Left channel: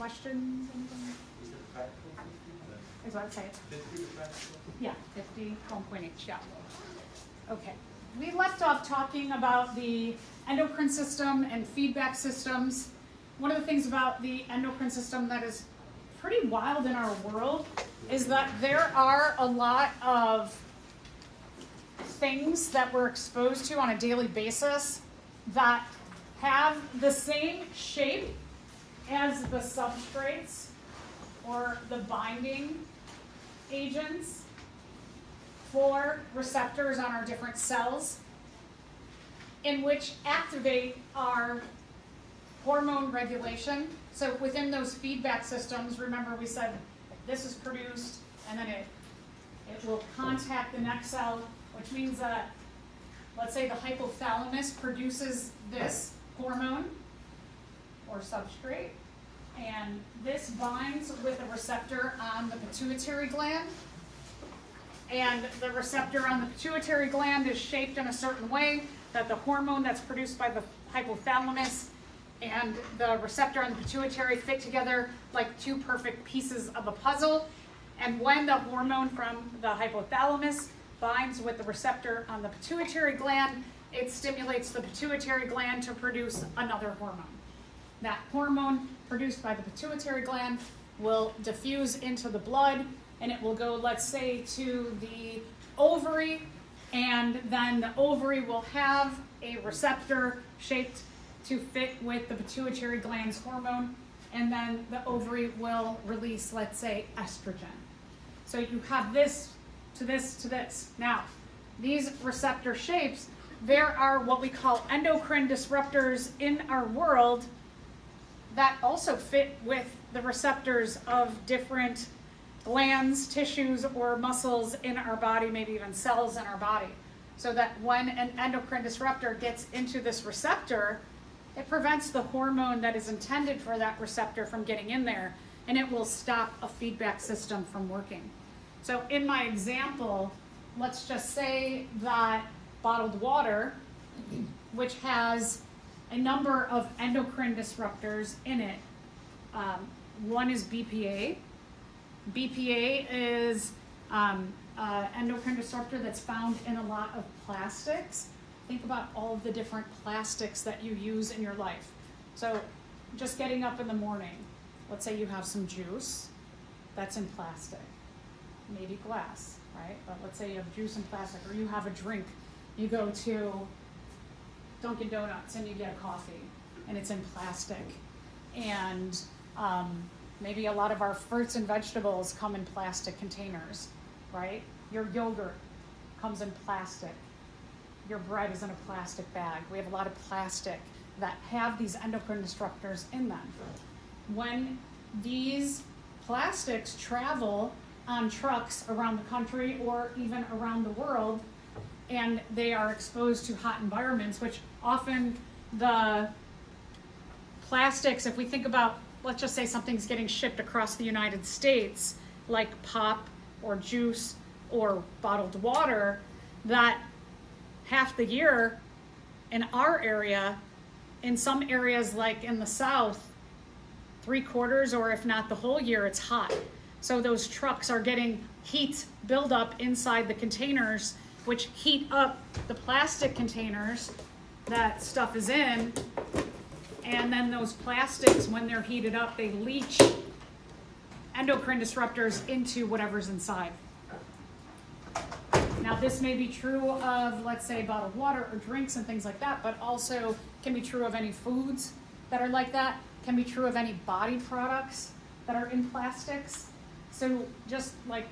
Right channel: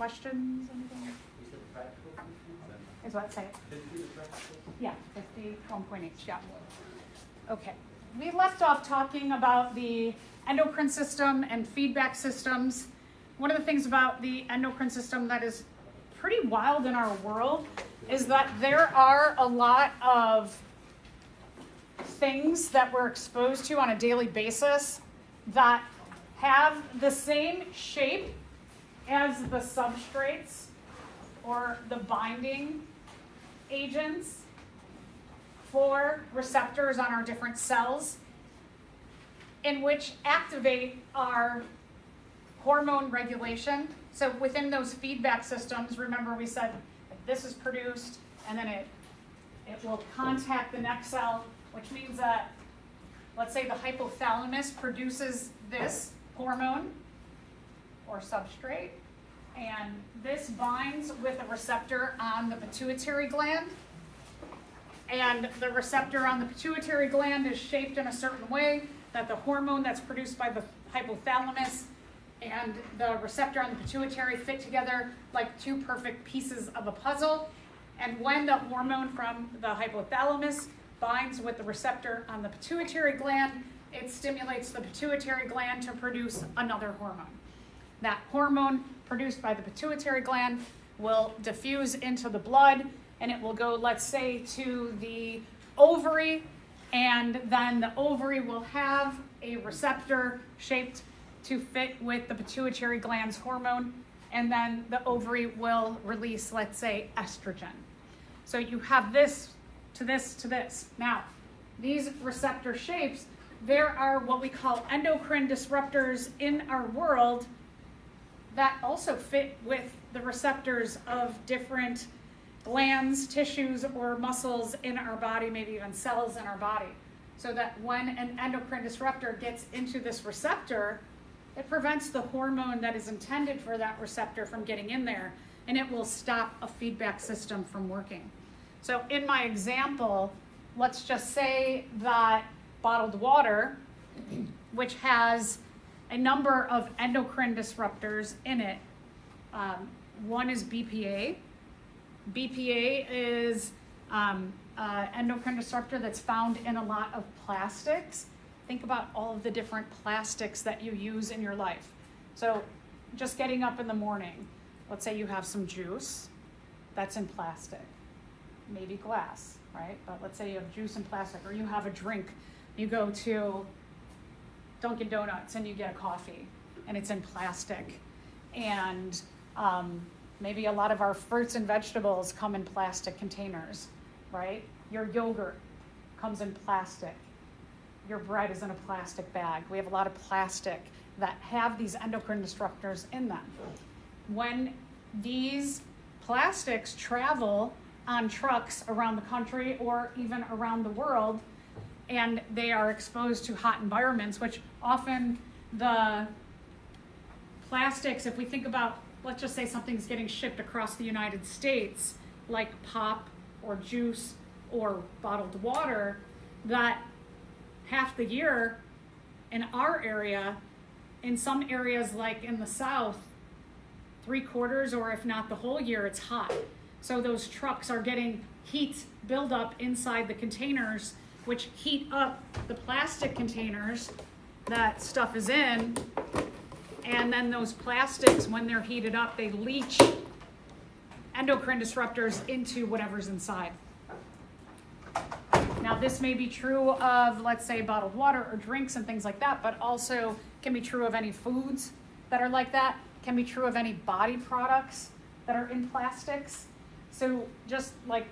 questions? Is it practical 50? Is what it say? 50 the practical? Yeah, 50, 1.8, yeah. Okay. We left off talking about the endocrine system and feedback systems. One of the things about the endocrine system that is pretty wild in our world is that there are a lot of things that we're exposed to on a daily basis that have the same shape as the substrates or the binding agents for receptors on our different cells, in which activate our hormone regulation. So within those feedback systems, remember we said this is produced and then it will contact the next cell, which means that, let's say the hypothalamus produces this hormone or substrate, and this binds with a receptor on the pituitary gland. And the receptor on the pituitary gland is shaped in a certain way that the hormone that's produced by the hypothalamus and the receptor on the pituitary fit together like two perfect pieces of a puzzle. And when the hormone from the hypothalamus binds with the receptor on the pituitary gland, it stimulates the pituitary gland to produce another hormone. That hormone produced by the pituitary gland will diffuse into the blood, and it will go, let's say, to the ovary, and then the ovary will have a receptor shaped to fit with the pituitary gland's hormone, and then the ovary will release, let's say, estrogen. So you have this to this to this. Now, these receptor shapes, there are what we call endocrine disruptors in our world that also fit with the receptors of different glands, tissues, or muscles in our body, maybe even cells in our body. So that when an endocrine disruptor gets into this receptor, it prevents the hormone that is intended for that receptor from getting in there, and it will stop a feedback system from working. So in my example, let's just say that bottled water, which has a number of endocrine disruptors in it. One is BPA. BPA is an endocrine disruptor that's found in a lot of plastics. Think about all of the different plastics that you use in your life. So just getting up in the morning, let's say you have some juice that's in plastic, maybe glass, right? But let's say you have juice in plastic, or you have a drink. You go to Dunkin' Donuts and you get a coffee and it's in plastic. And maybe a lot of our fruits and vegetables come in plastic containers, right? Your yogurt comes in plastic. Your bread is in a plastic bag. We have a lot of plastic that have these endocrine disruptors in them. When these plastics travel on trucks around the country or even around the world, and they are exposed to hot environments, which often the plastics, if we think about, let's just say something's getting shipped across the United States, like pop or juice or bottled water, that half the year in our area, in some areas like in the South, 3/4 or if not the whole year, it's hot. So those trucks are getting heat buildup inside the containers, which heat up the plastic containers that stuff is in, and then those plastics, when they're heated up, they leach endocrine disruptors into whatever's inside. Now this may be true of, let's say, bottled water or drinks and things like that, but also can be true of any foods that are like that, can be true of any body products that are in plastics. So just like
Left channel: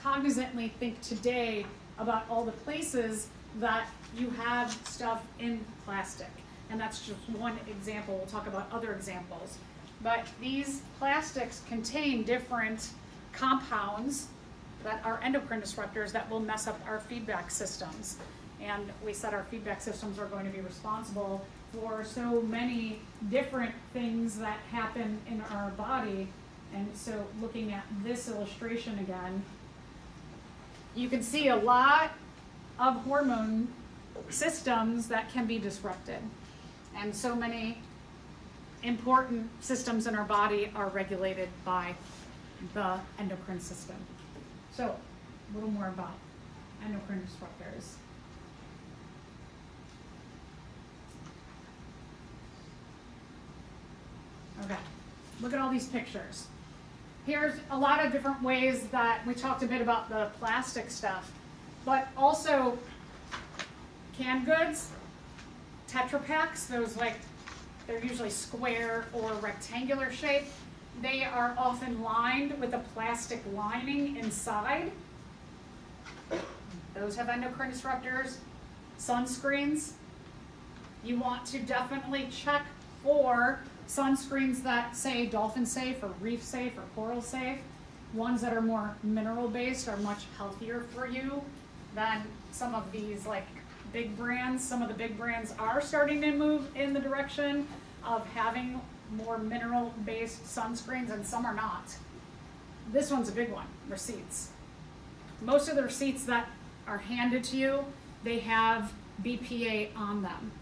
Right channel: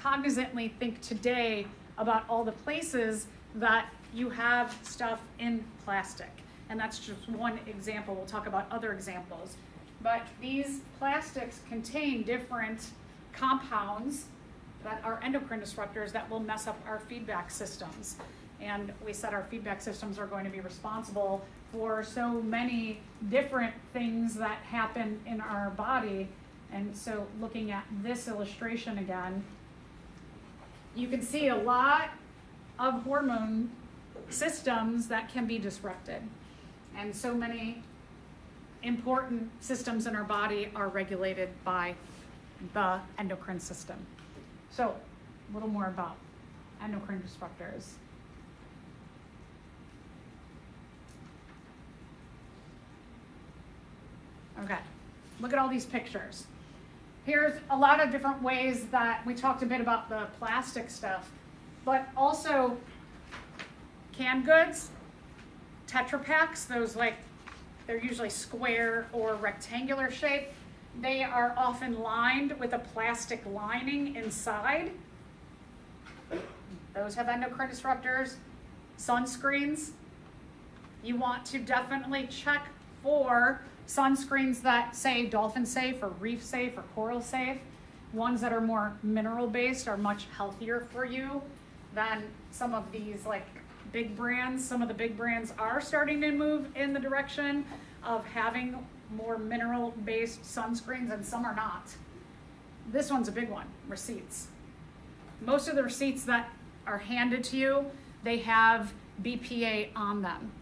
cognizantly think today about all the places that you have stuff in plastic. And that's just one example. We'll talk about other examples. But these plastics contain different compounds that are endocrine disruptors that will mess up our feedback systems. And we said our feedback systems are going to be responsible for so many different things that happen in our body. And so looking at this illustration again, you can see a lot of hormone systems that can be disrupted. And so many important systems in our body are regulated by the endocrine system. So a little more about endocrine disruptors. Okay, look at all these pictures. Here's a lot of different ways that we talked a bit about the plastic stuff, but also canned goods, Tetra Paks, those like, they're usually square or rectangular shape. They are often lined with a plastic lining inside. Those have endocrine disruptors. Sunscreens, you want to definitely check for sunscreens that say dolphin safe or reef safe or coral safe. Ones that are more mineral based are much healthier for you than some of these like big brands. Some of the big brands are starting to move in the direction of having more mineral based sunscreens, and some are not. This one's a big one, receipts. Most of the receipts that are handed to you, they have BPA on them.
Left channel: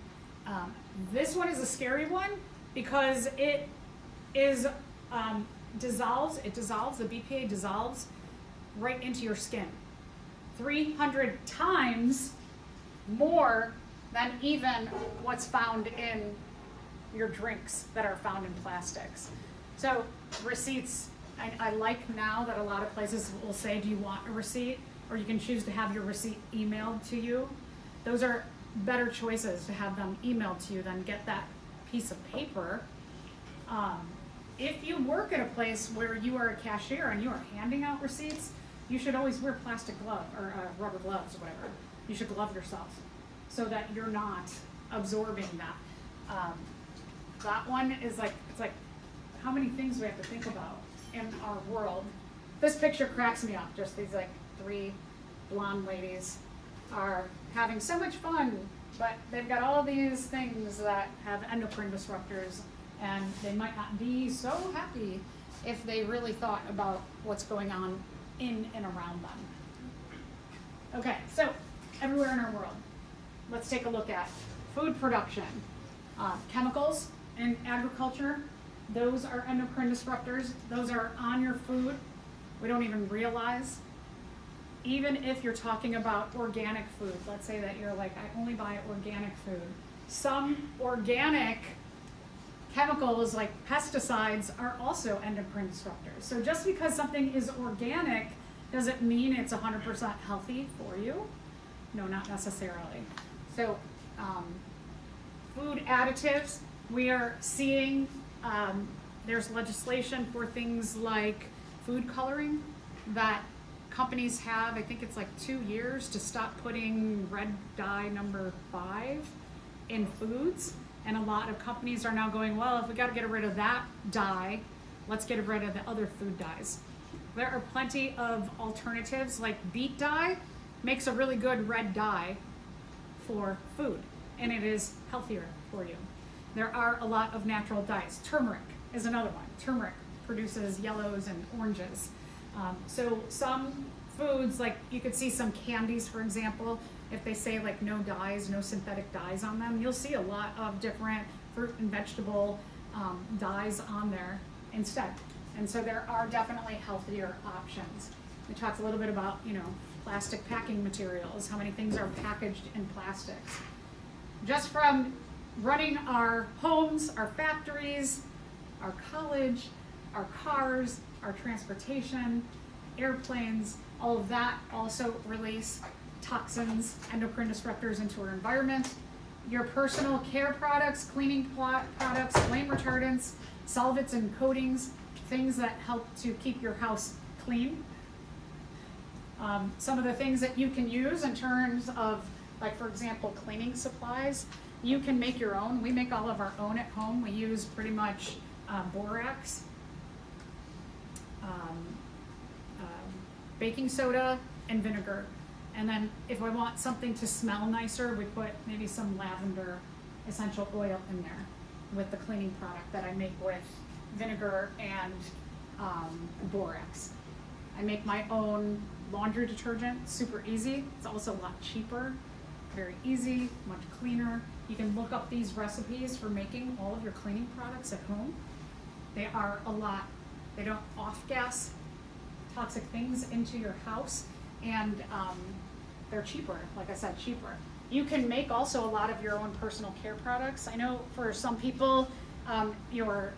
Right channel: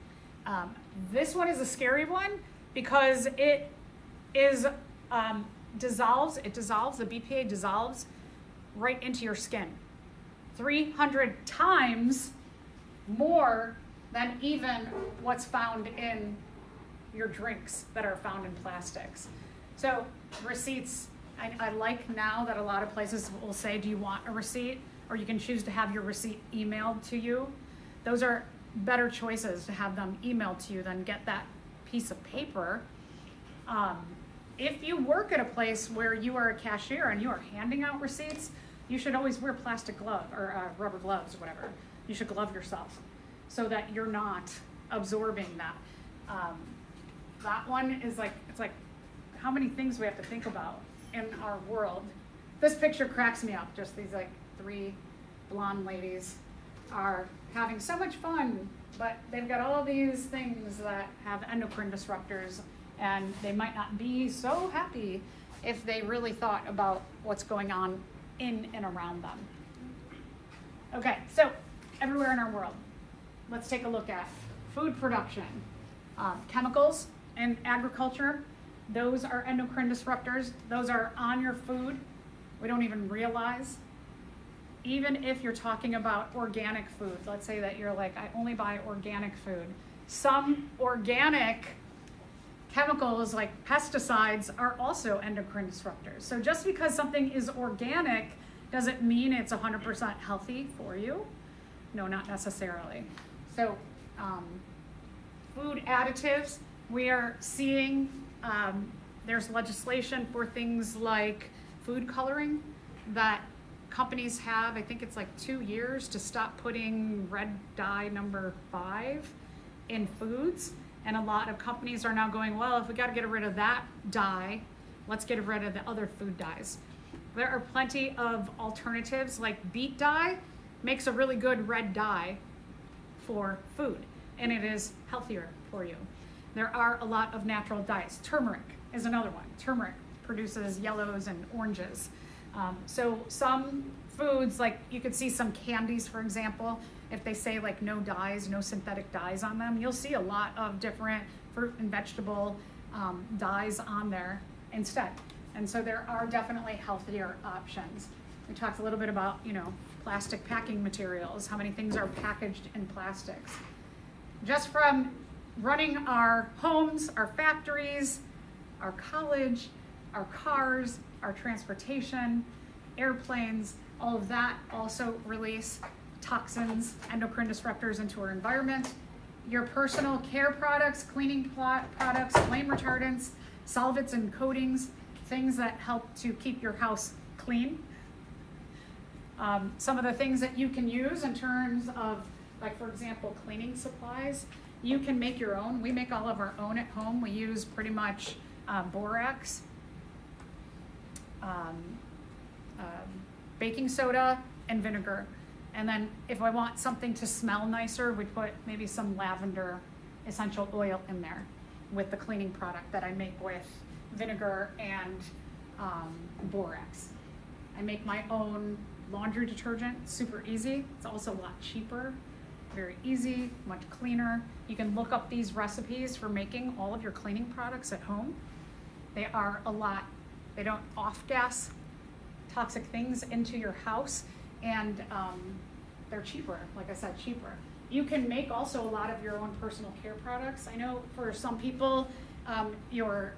This one is a scary one because it is dissolves, the BPA dissolves right into your skin. 300 times more than even what's found in your drinks that are found in plastics. So receipts, I like now that a lot of places will say, do you want a receipt? Or you can choose to have your receipt emailed to you. Those are better choices to have them emailed to you than get that piece of paper. If you work at a place where you are a cashier and you are handing out receipts, you should always wear plastic glove or rubber gloves or whatever. You should glove yourself so that you're not absorbing that. That one is like, it's like how many things we have to think about in our world. This picture cracks me up. Just these like 3 blonde ladies are having so much fun, but they've got all these things that have endocrine disruptors, and they might not be so happy if they really thought about what's going on in and around them. Okay, so everywhere in our world, let's take a look at food production. Chemicals in agriculture, those are endocrine disruptors. Those are on your food. We don't even realize. Even if you're talking about organic food, let's say that you're like, I only buy organic food. Some organic chemicals like pesticides are also endocrine disruptors. So just because something is organic doesn't mean it's 100% healthy for you. No, not necessarily. So food additives, we are seeing there's legislation for things like food coloring that companies have. I think it's like 2 years to stop putting red dye number 5 in foods. And a lot of companies are now going, well, if we got to get rid of that dye, let's get rid of the other food dyes. There are plenty of alternatives, like beet dye makes a really good red dye for food, and it is healthier for you. There are a lot of natural dyes. Turmeric is another one. Turmeric produces yellows and oranges. So some foods, like you could see some candies, for example, if they say like no dyes, no synthetic dyes on them, you'll see a lot of different fruit and vegetable dyes on there instead. And so there are definitely healthier options. We talked a little bit about, you know, plastic packing materials, how many things are packaged in plastics. Just from running our homes, our factories, our college, our cars, our transportation, airplanes, all of that also release toxins, endocrine disruptors into our environment. Your personal care products, cleaning products, flame retardants, solvents and coatings, things that help to keep your house clean. Some of the things that you can use in terms of, like for example, cleaning supplies, you can make your own. We make all of our own at home. We use pretty much borax, baking soda, and vinegar. And then if I want something to smell nicer, we put maybe some lavender essential oil in there with the cleaning product that I make with vinegar and borax. I make my own laundry detergent, super easy. It's also a lot cheaper. very easy, much cleaner. You can look up these recipes for making all of your cleaning products at home. They are a lot, they don't off-gas toxic things into your house, and they're cheaper, like I said, cheaper. You can make also a lot of your own personal care products. I know for some people, your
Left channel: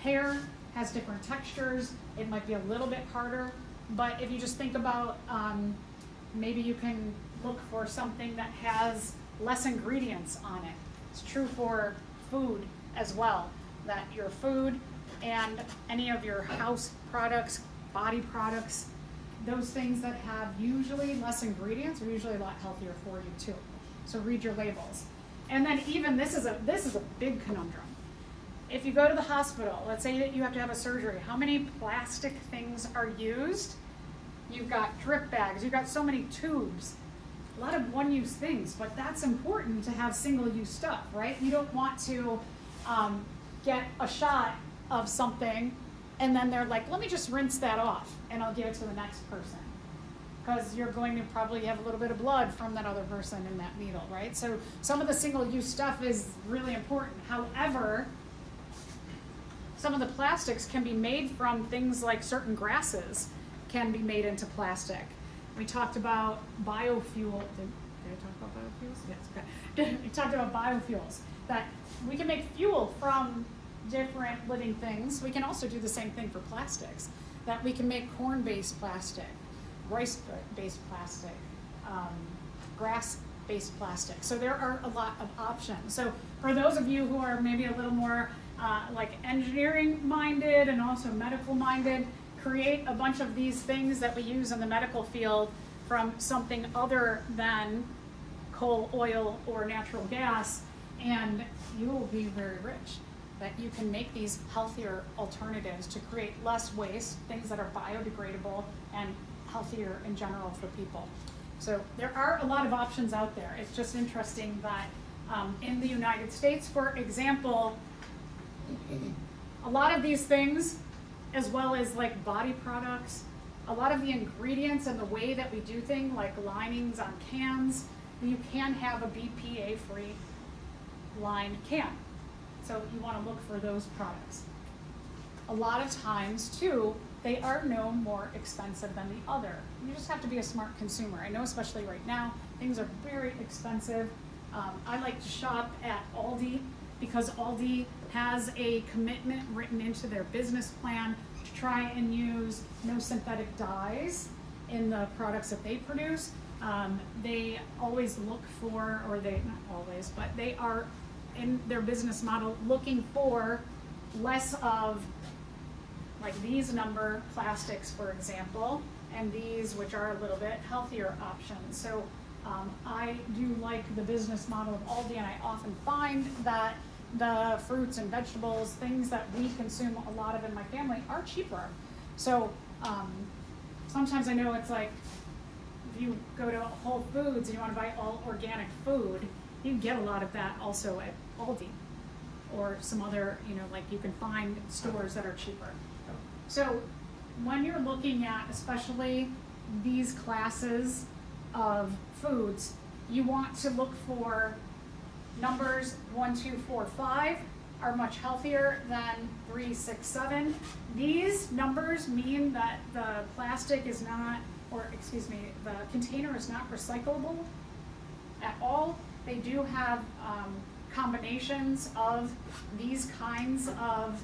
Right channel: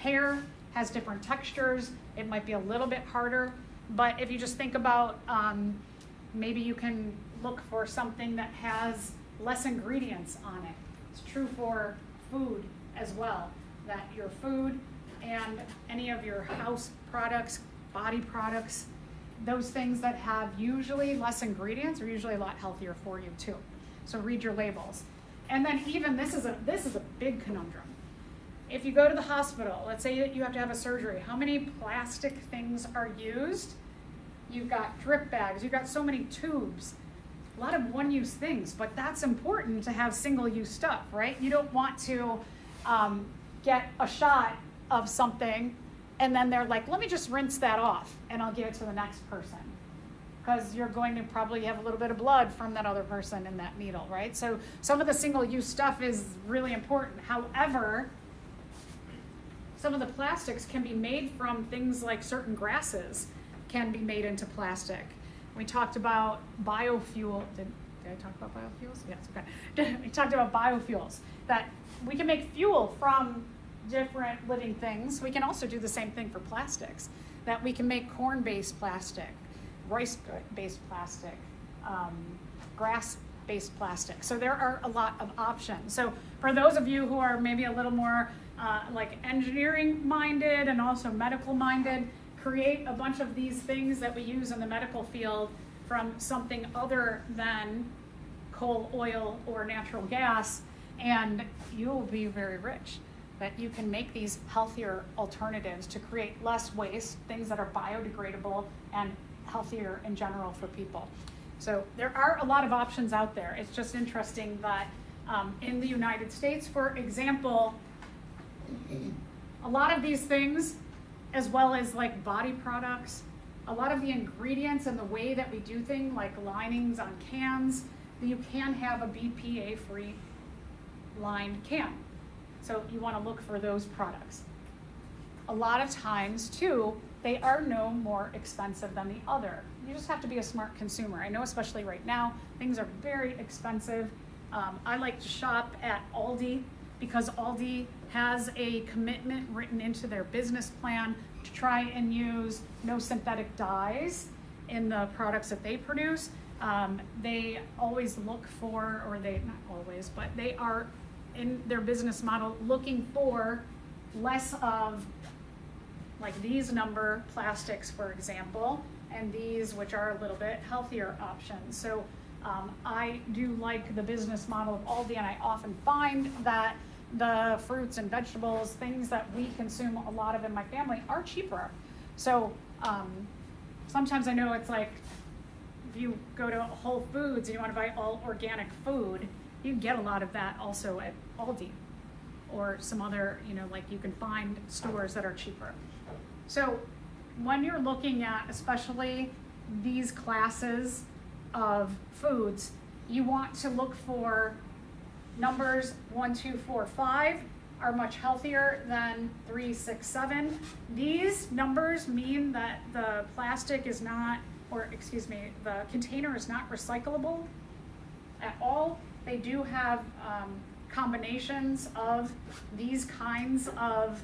hair has different textures. It might be a little bit harder, but if you just think about, maybe you can look for something that has less ingredients on it. It's true for food as well, that your food and any of your house products, body products, those things that have usually less ingredients are usually a lot healthier for you too. So read your labels. And then even this is a big conundrum. If you go to the hospital, let's say that you have to have a surgery, how many plastic things are used? You've got drip bags, you've got so many tubes, a lot of one-use things, but that's important to have single-use stuff, right? You don't want to get a shot of something and then they're like, let me just rinse that off and I'll give it to the next person. Because you're going to probably have a little bit of blood from that other person in that needle, right? So some of the single-use stuff is really important. However, some of the plastics can be made from things like certain grasses can be made into plastic. We talked about biofuel. Did I talk about biofuels? Yes, okay. We talked about biofuels, that we can make fuel from different living things. We can also do the same thing for plastics, that we can make corn-based plastic, rice-based plastic, grass-based plastic. So there are a lot of options. So for those of you who are maybe a little more like engineering-minded and also medical-minded, create a bunch of these things that we use in the medical field from something other than coal, oil, or natural gas, and you will be very rich. That you can make these healthier alternatives to create less waste, things that are biodegradable and healthier in general for people. So there are a lot of options out there. It's just interesting that in the United States, for example, a lot of these things, as well as like body products, a lot of the ingredients and the way that we do things, like linings on cans, you can have a BPA-free lined can. So you want to look for those products. A lot of times too, they are no more expensive than the other. You just have to be a smart consumer. I know especially right now, things are very expensive. I like to shop at Aldi because Aldi has a commitment written into their business plan to try and use no synthetic dyes in the products that they produce. They always look for, or they, not always, but they are in their business model looking for less of like these number plastics, for example, and these which are a little bit healthier options. So I do like the business model of Aldi, and I often find that the fruits and vegetables, things that we consume a lot of in my family, are cheaper. So sometimes I know it's like, if you go to Whole Foods and you want to buy all organic food, you can get a lot of that also at Aldi or some other, you know, like you can find stores that are cheaper. So when you're looking at especially these classes of foods, you want to look for numbers 1, 2, 4, 5 are much healthier than 3, 6, 7. These numbers mean that the plastic is not, or excuse me, the container is not recyclable at all. They do have combinations of these kinds of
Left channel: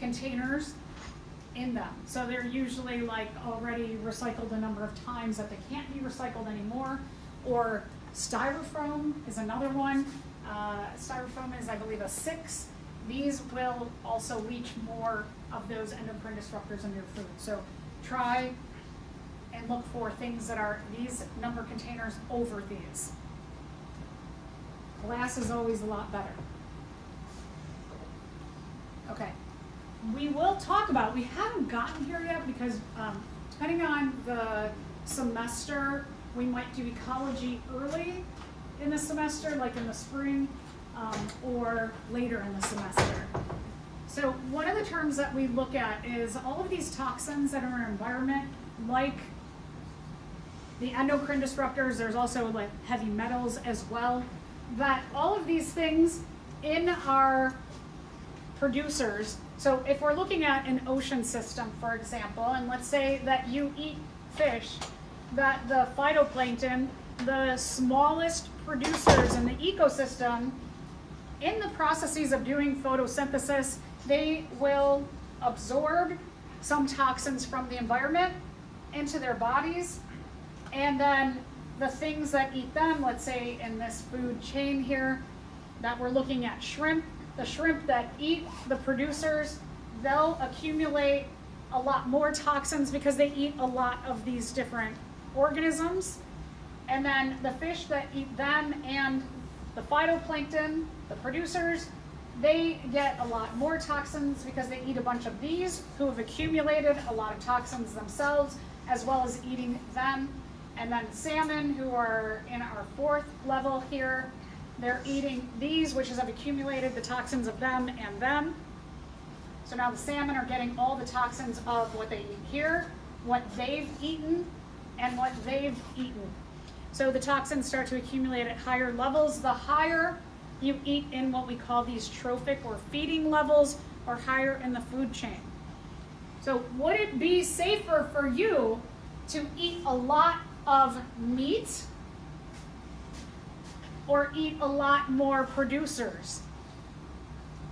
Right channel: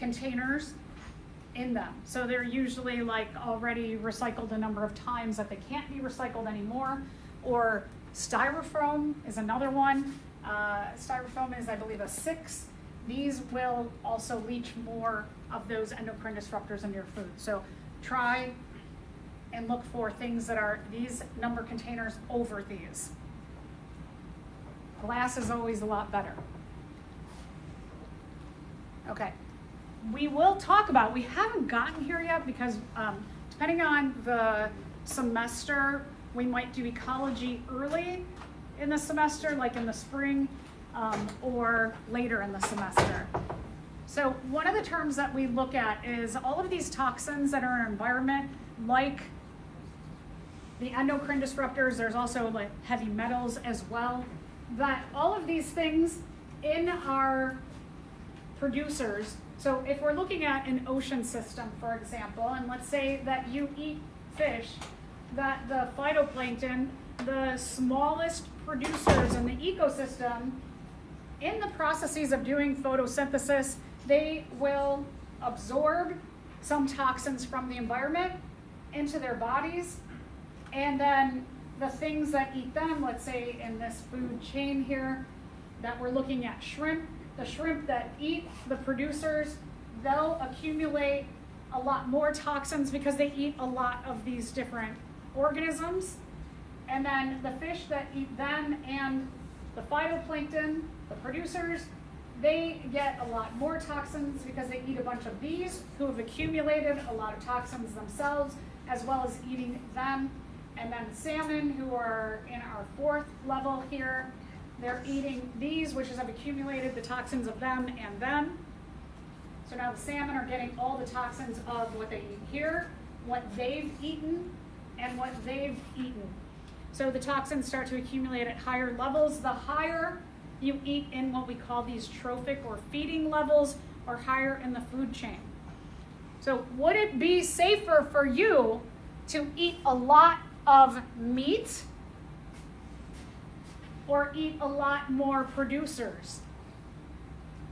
containers in them. So they're usually like already recycled a number of times that they can't be recycled anymore. Or styrofoam is another one. Styrofoam is, I believe, a 6. These will also leach more of those endocrine disruptors in your food. So try and look for things that are these number containers over these. Glass is always a lot better. Okay, we will talk about, we haven't gotten here yet because depending on the semester, we might do ecology early in the semester, like in the spring, or later in the semester. So one of the terms that we look at is all of these toxins that are in our environment, like the endocrine disruptors. There's also like heavy metals as well. That all of these things in our producers. So if we're looking at an ocean system, for example, and let's say that you eat fish, that the phytoplankton, the smallest producers in the ecosystem, in the processes of doing photosynthesis, they will absorb some toxins from the environment into their bodies, and then the things that eat them, let's say in this food chain here that we're looking at shrimp, the shrimp that eat the producers, they'll accumulate a lot more toxins because they eat a lot of these different organisms. And then the fish that eat them and the phytoplankton, the producers, they get a lot more toxins because they eat a bunch of these who have accumulated a lot of toxins themselves, as well as eating them. And then salmon, who are in our fourth level here, they're eating these, which have accumulated the toxins of them and them. So now the salmon are getting all the toxins of what they eat here, what they've eaten, and what they've eaten. So the toxins start to accumulate at higher levels. The higher you eat in what we call these trophic or feeding levels, or higher in the food chain. So would it be safer for you to eat a lot of meat or eat a lot more producers?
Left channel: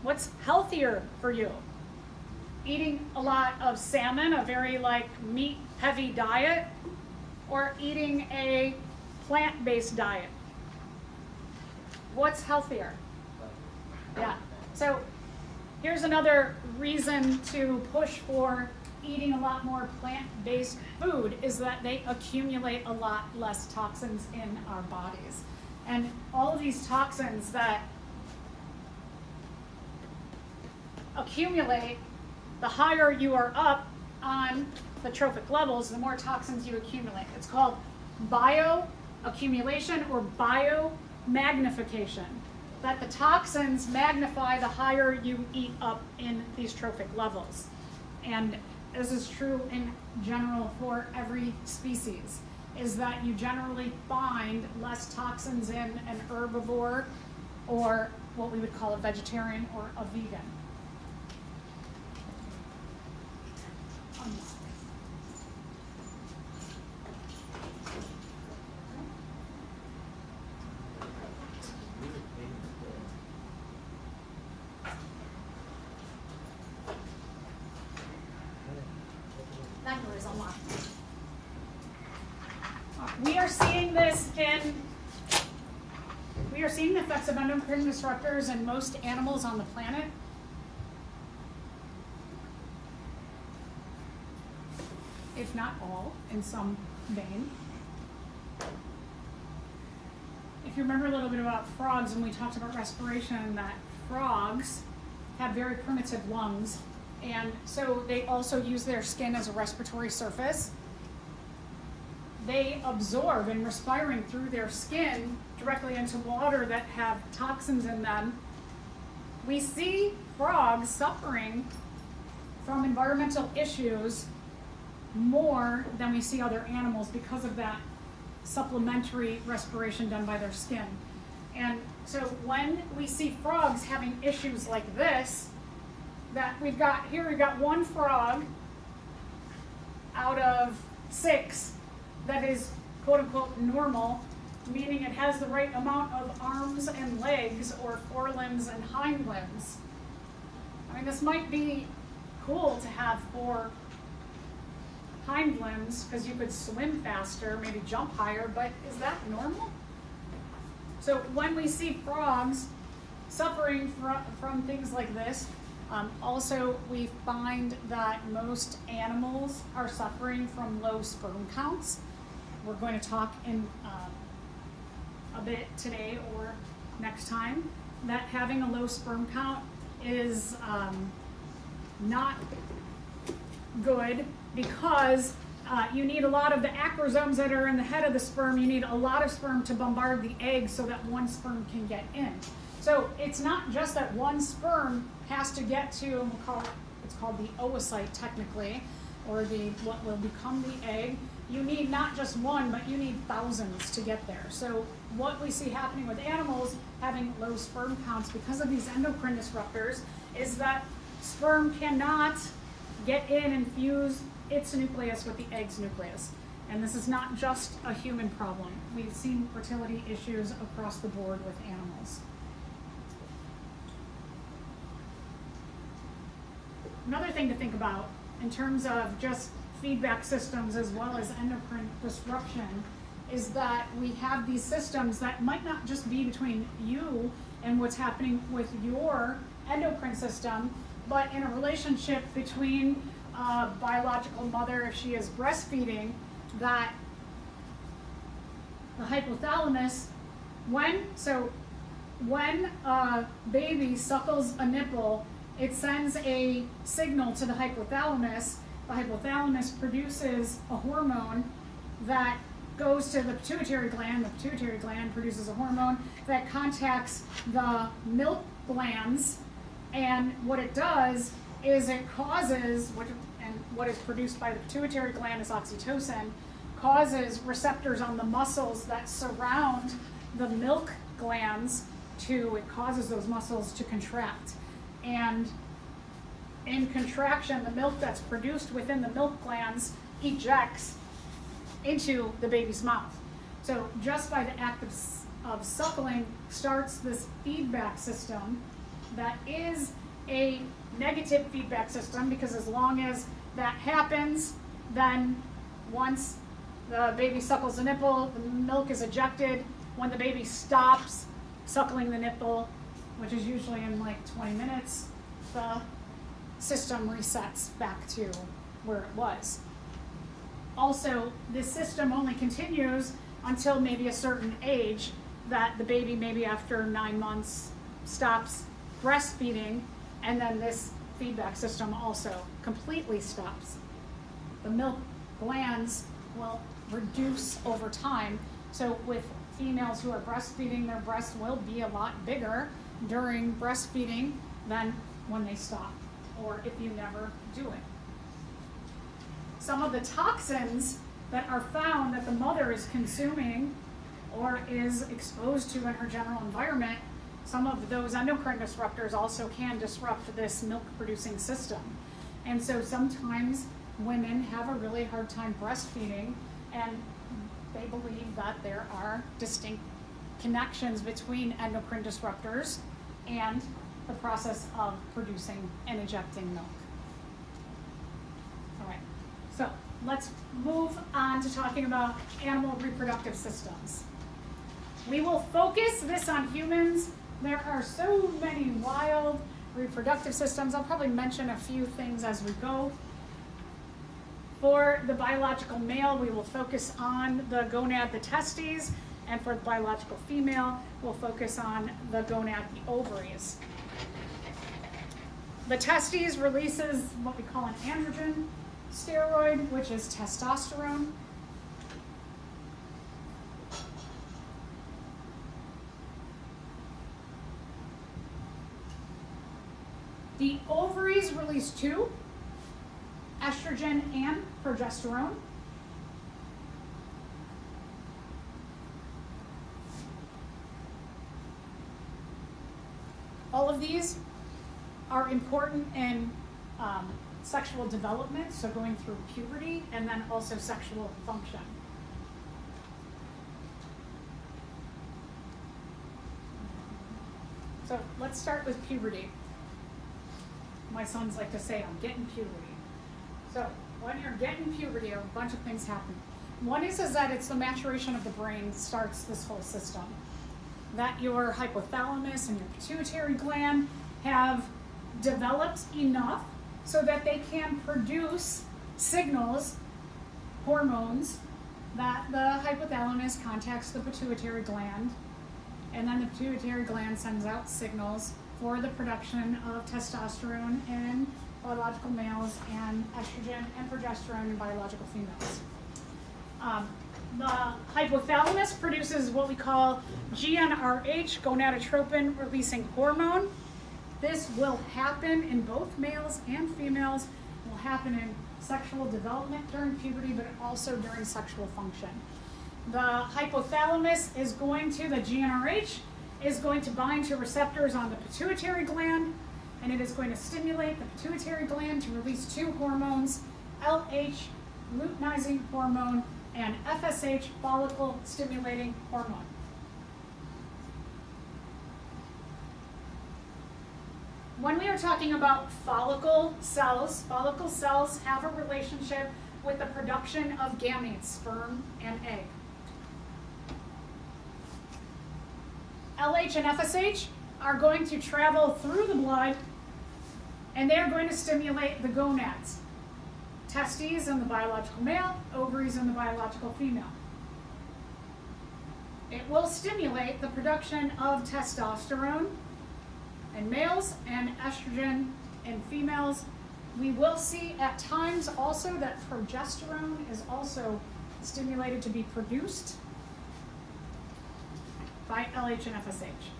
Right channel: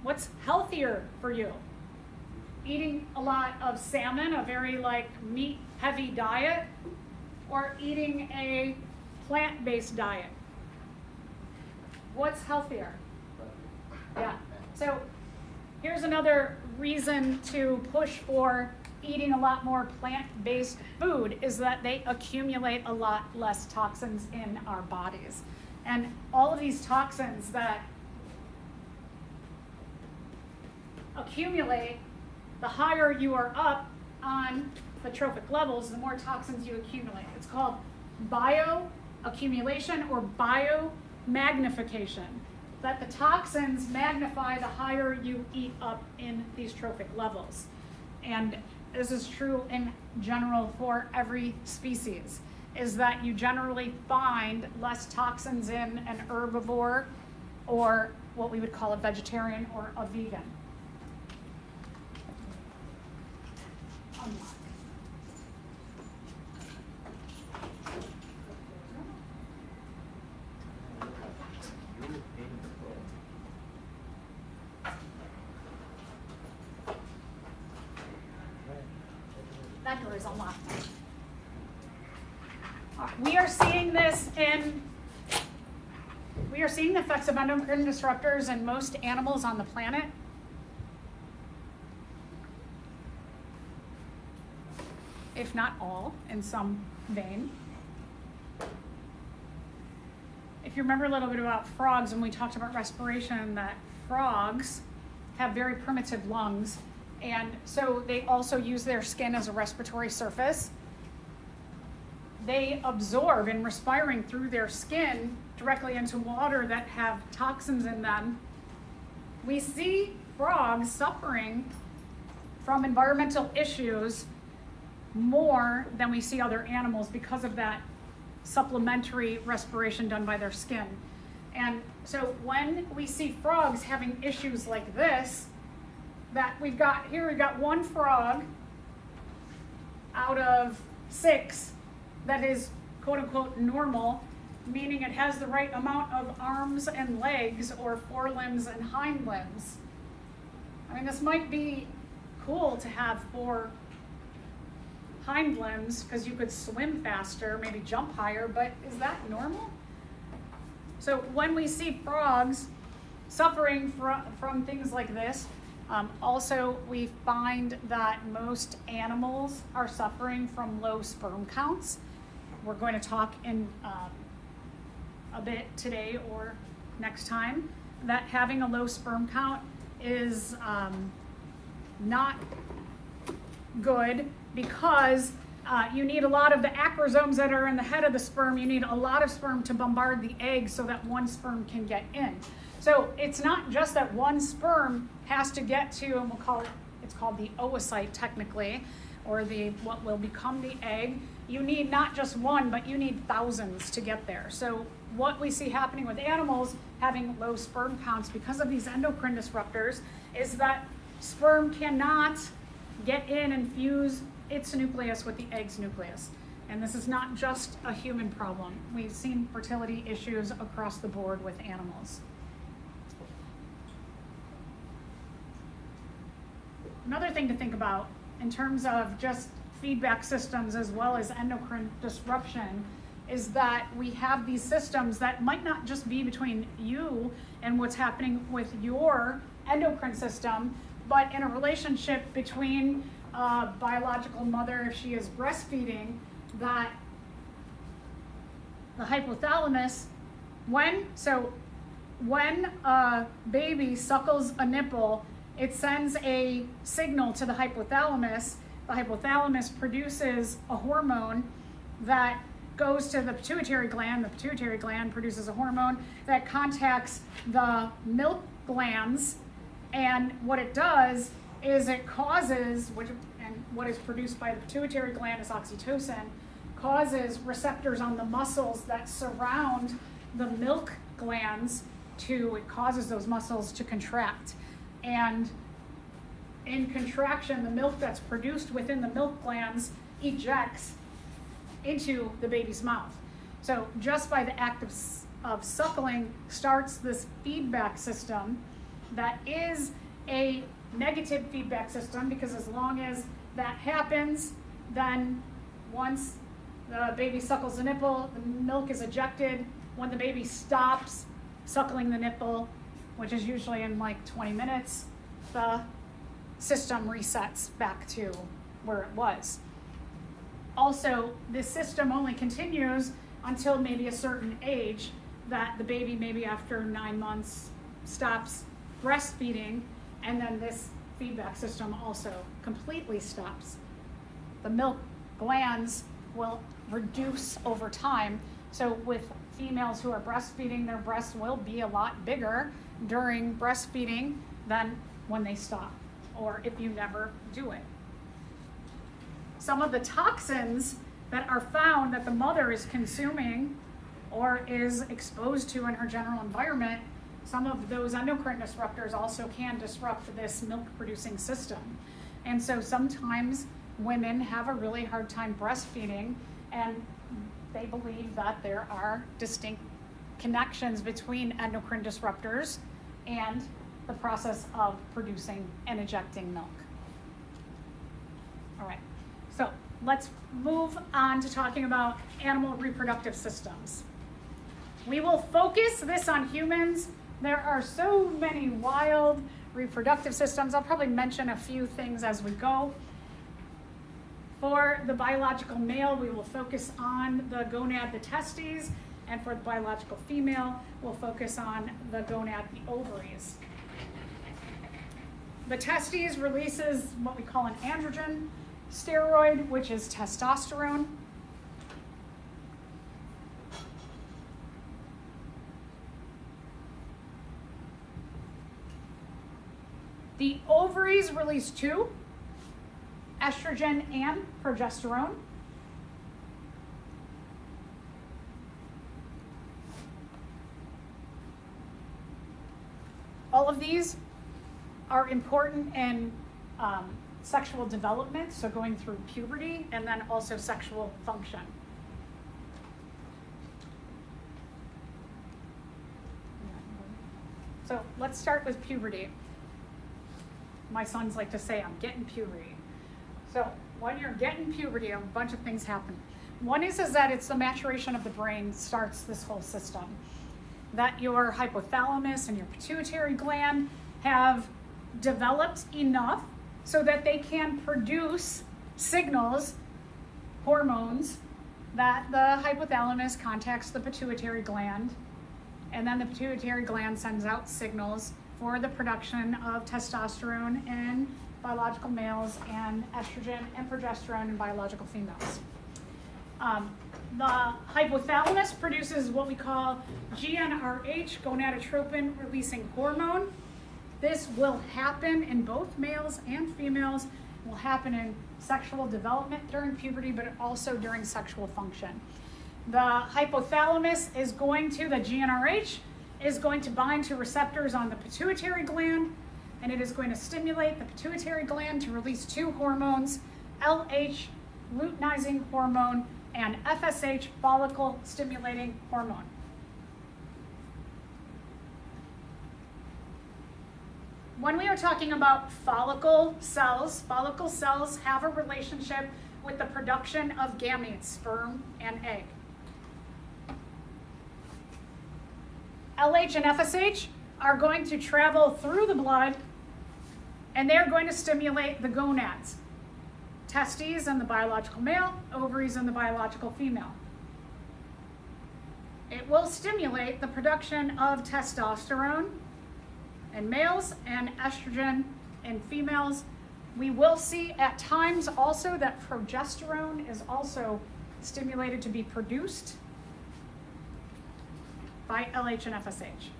What's healthier for you? Eating a lot of salmon, a very like meat heavy diet, or eating a plant-based diet? What's healthier? Yeah, so here's another reason to push for eating a lot more plant-based food, is that they accumulate a lot less toxins in our bodies. And all of these toxins that accumulate, the higher you are up on the trophic levels, the more toxins you accumulate. It's called bioaccumulation or biomagnification. That the toxins magnify the higher you eat up in these trophic levels. And this is true in general for every species, is that you generally find less toxins in an herbivore or what we would call a vegetarian or a vegan. We are seeing this we are seeing the effects of endocrine disruptors in most animals on the planet. If not all, in some vein. If you remember a little bit about frogs, when we talked about respiration, that frogs have very primitive lungs, and so they also use their skin as a respiratory surface. They absorb in respiring through their skin directly into water that have toxins in them. We see frogs suffering from environmental issues more than we see other animals because of that supplementary respiration done by their skin. And so when we see frogs having issues like this, that we've got one frog out of 6 that is quote unquote normal, meaning it has the right amount of arms and legs, or forelimbs and hind limbs. I mean, this might be cool to have 4 hind limbs because you could swim faster, maybe jump higher, but is that normal? So when we see frogs suffering from things like this, also we find that most animals are suffering from low sperm counts. We're going to talk in a bit today or next time that having a low sperm count is not good, because you need a lot of the acrosomes that are in the head of the sperm. You need a lot of sperm to bombard the egg so that one sperm can get in. So it's not just that one sperm has to get to, and it's called the oocyte technically, or what will become the egg, you need not just one, but you need thousands to get there. So what we see happening with animals having low sperm counts because of these endocrine disruptors is that sperm cannot get in and fuse its nucleus with the egg's nucleus. And this is not just a human problem. We've seen fertility issues across the board with animals. Another thing to think about in terms of just feedback systems as well as endocrine disruption is that we have these systems that might not just be between you and what's happening with your endocrine system, but in a relationship between a biological mother, if she is breastfeeding, that the hypothalamus, when a baby suckles a nipple, it sends a signal to the hypothalamus. The hypothalamus produces a hormone that goes to the pituitary gland. The pituitary gland produces a hormone that contacts the milk glands, and what it does is it causes, and what is produced by the pituitary gland is oxytocin, causes receptors on the muscles that surround the milk glands it causes those muscles to contract. And in contraction, the milk that's produced within the milk glands ejects into the baby's mouth. So just by the act of suckling starts this feedback system that is a negative feedback system, because as long as that happens, then once the baby suckles the nipple, the milk is ejected. When the baby stops suckling the nipple, which is usually in like 20 minutes, the system resets back to where it was. Also, this system only continues until maybe a certain age, that the baby maybe after 9 months stops breastfeeding, and then this feedback system also completely stops. The milk glands will reduce over time. So with females who are breastfeeding, their breasts will be a lot bigger during breastfeeding than when they stop, or if you never do it. Some of the toxins that are found that the mother is consuming or is exposed to in her general environment, some of those endocrine disruptors also can disrupt this milk producing system. And so sometimes women have a really hard time breastfeeding, and they believe that there are distinct connections between endocrine disruptors and the process of producing and ejecting milk. All right, so let's move on to talking about animal reproductive systems. We will focus this on humans. There are so many wild reproductive systems. I'll probably mention a few things as we go. For the biological male, we will focus on the gonad, the testes, and for the biological female, we'll focus on the gonad, the ovaries. The testes releases what we call an androgen steroid, which is testosterone. The ovaries release two, estrogen and progesterone. All of these are important in sexual development, so going through puberty, and then also sexual function. So let's start with puberty. My sons like to say, I'm getting puberty. So when you're getting puberty, a bunch of things happen. One is that it's the maturation of the brain that starts this whole system. That your hypothalamus and your pituitary gland have developed enough so that they can produce signals, hormones, that the hypothalamus contacts the pituitary gland, and then the pituitary gland sends out signals for the production of testosterone in biological males and estrogen and progesterone in biological females. The hypothalamus produces what we call GnRH, gonadotropin releasing hormone. This will happen in both males and females will happen in sexual development during puberty, but also during sexual function. The hypothalamus is going to, the GnRH, is going to bind to receptors on the pituitary gland, and it is going to stimulate the pituitary gland to release two hormones, LH, luteinizing hormone, and FSH, follicle stimulating hormone. When we are talking about follicle cells have a relationship with the production of gametes, sperm and egg. LH and FSH are going to travel through the blood, and they're going to stimulate the gonads, testes in the biological male, ovaries in the biological female. It will stimulate the production of testosterone in males and estrogen in females. We will see at times also that progesterone is also stimulated to be produced by LH and FSH.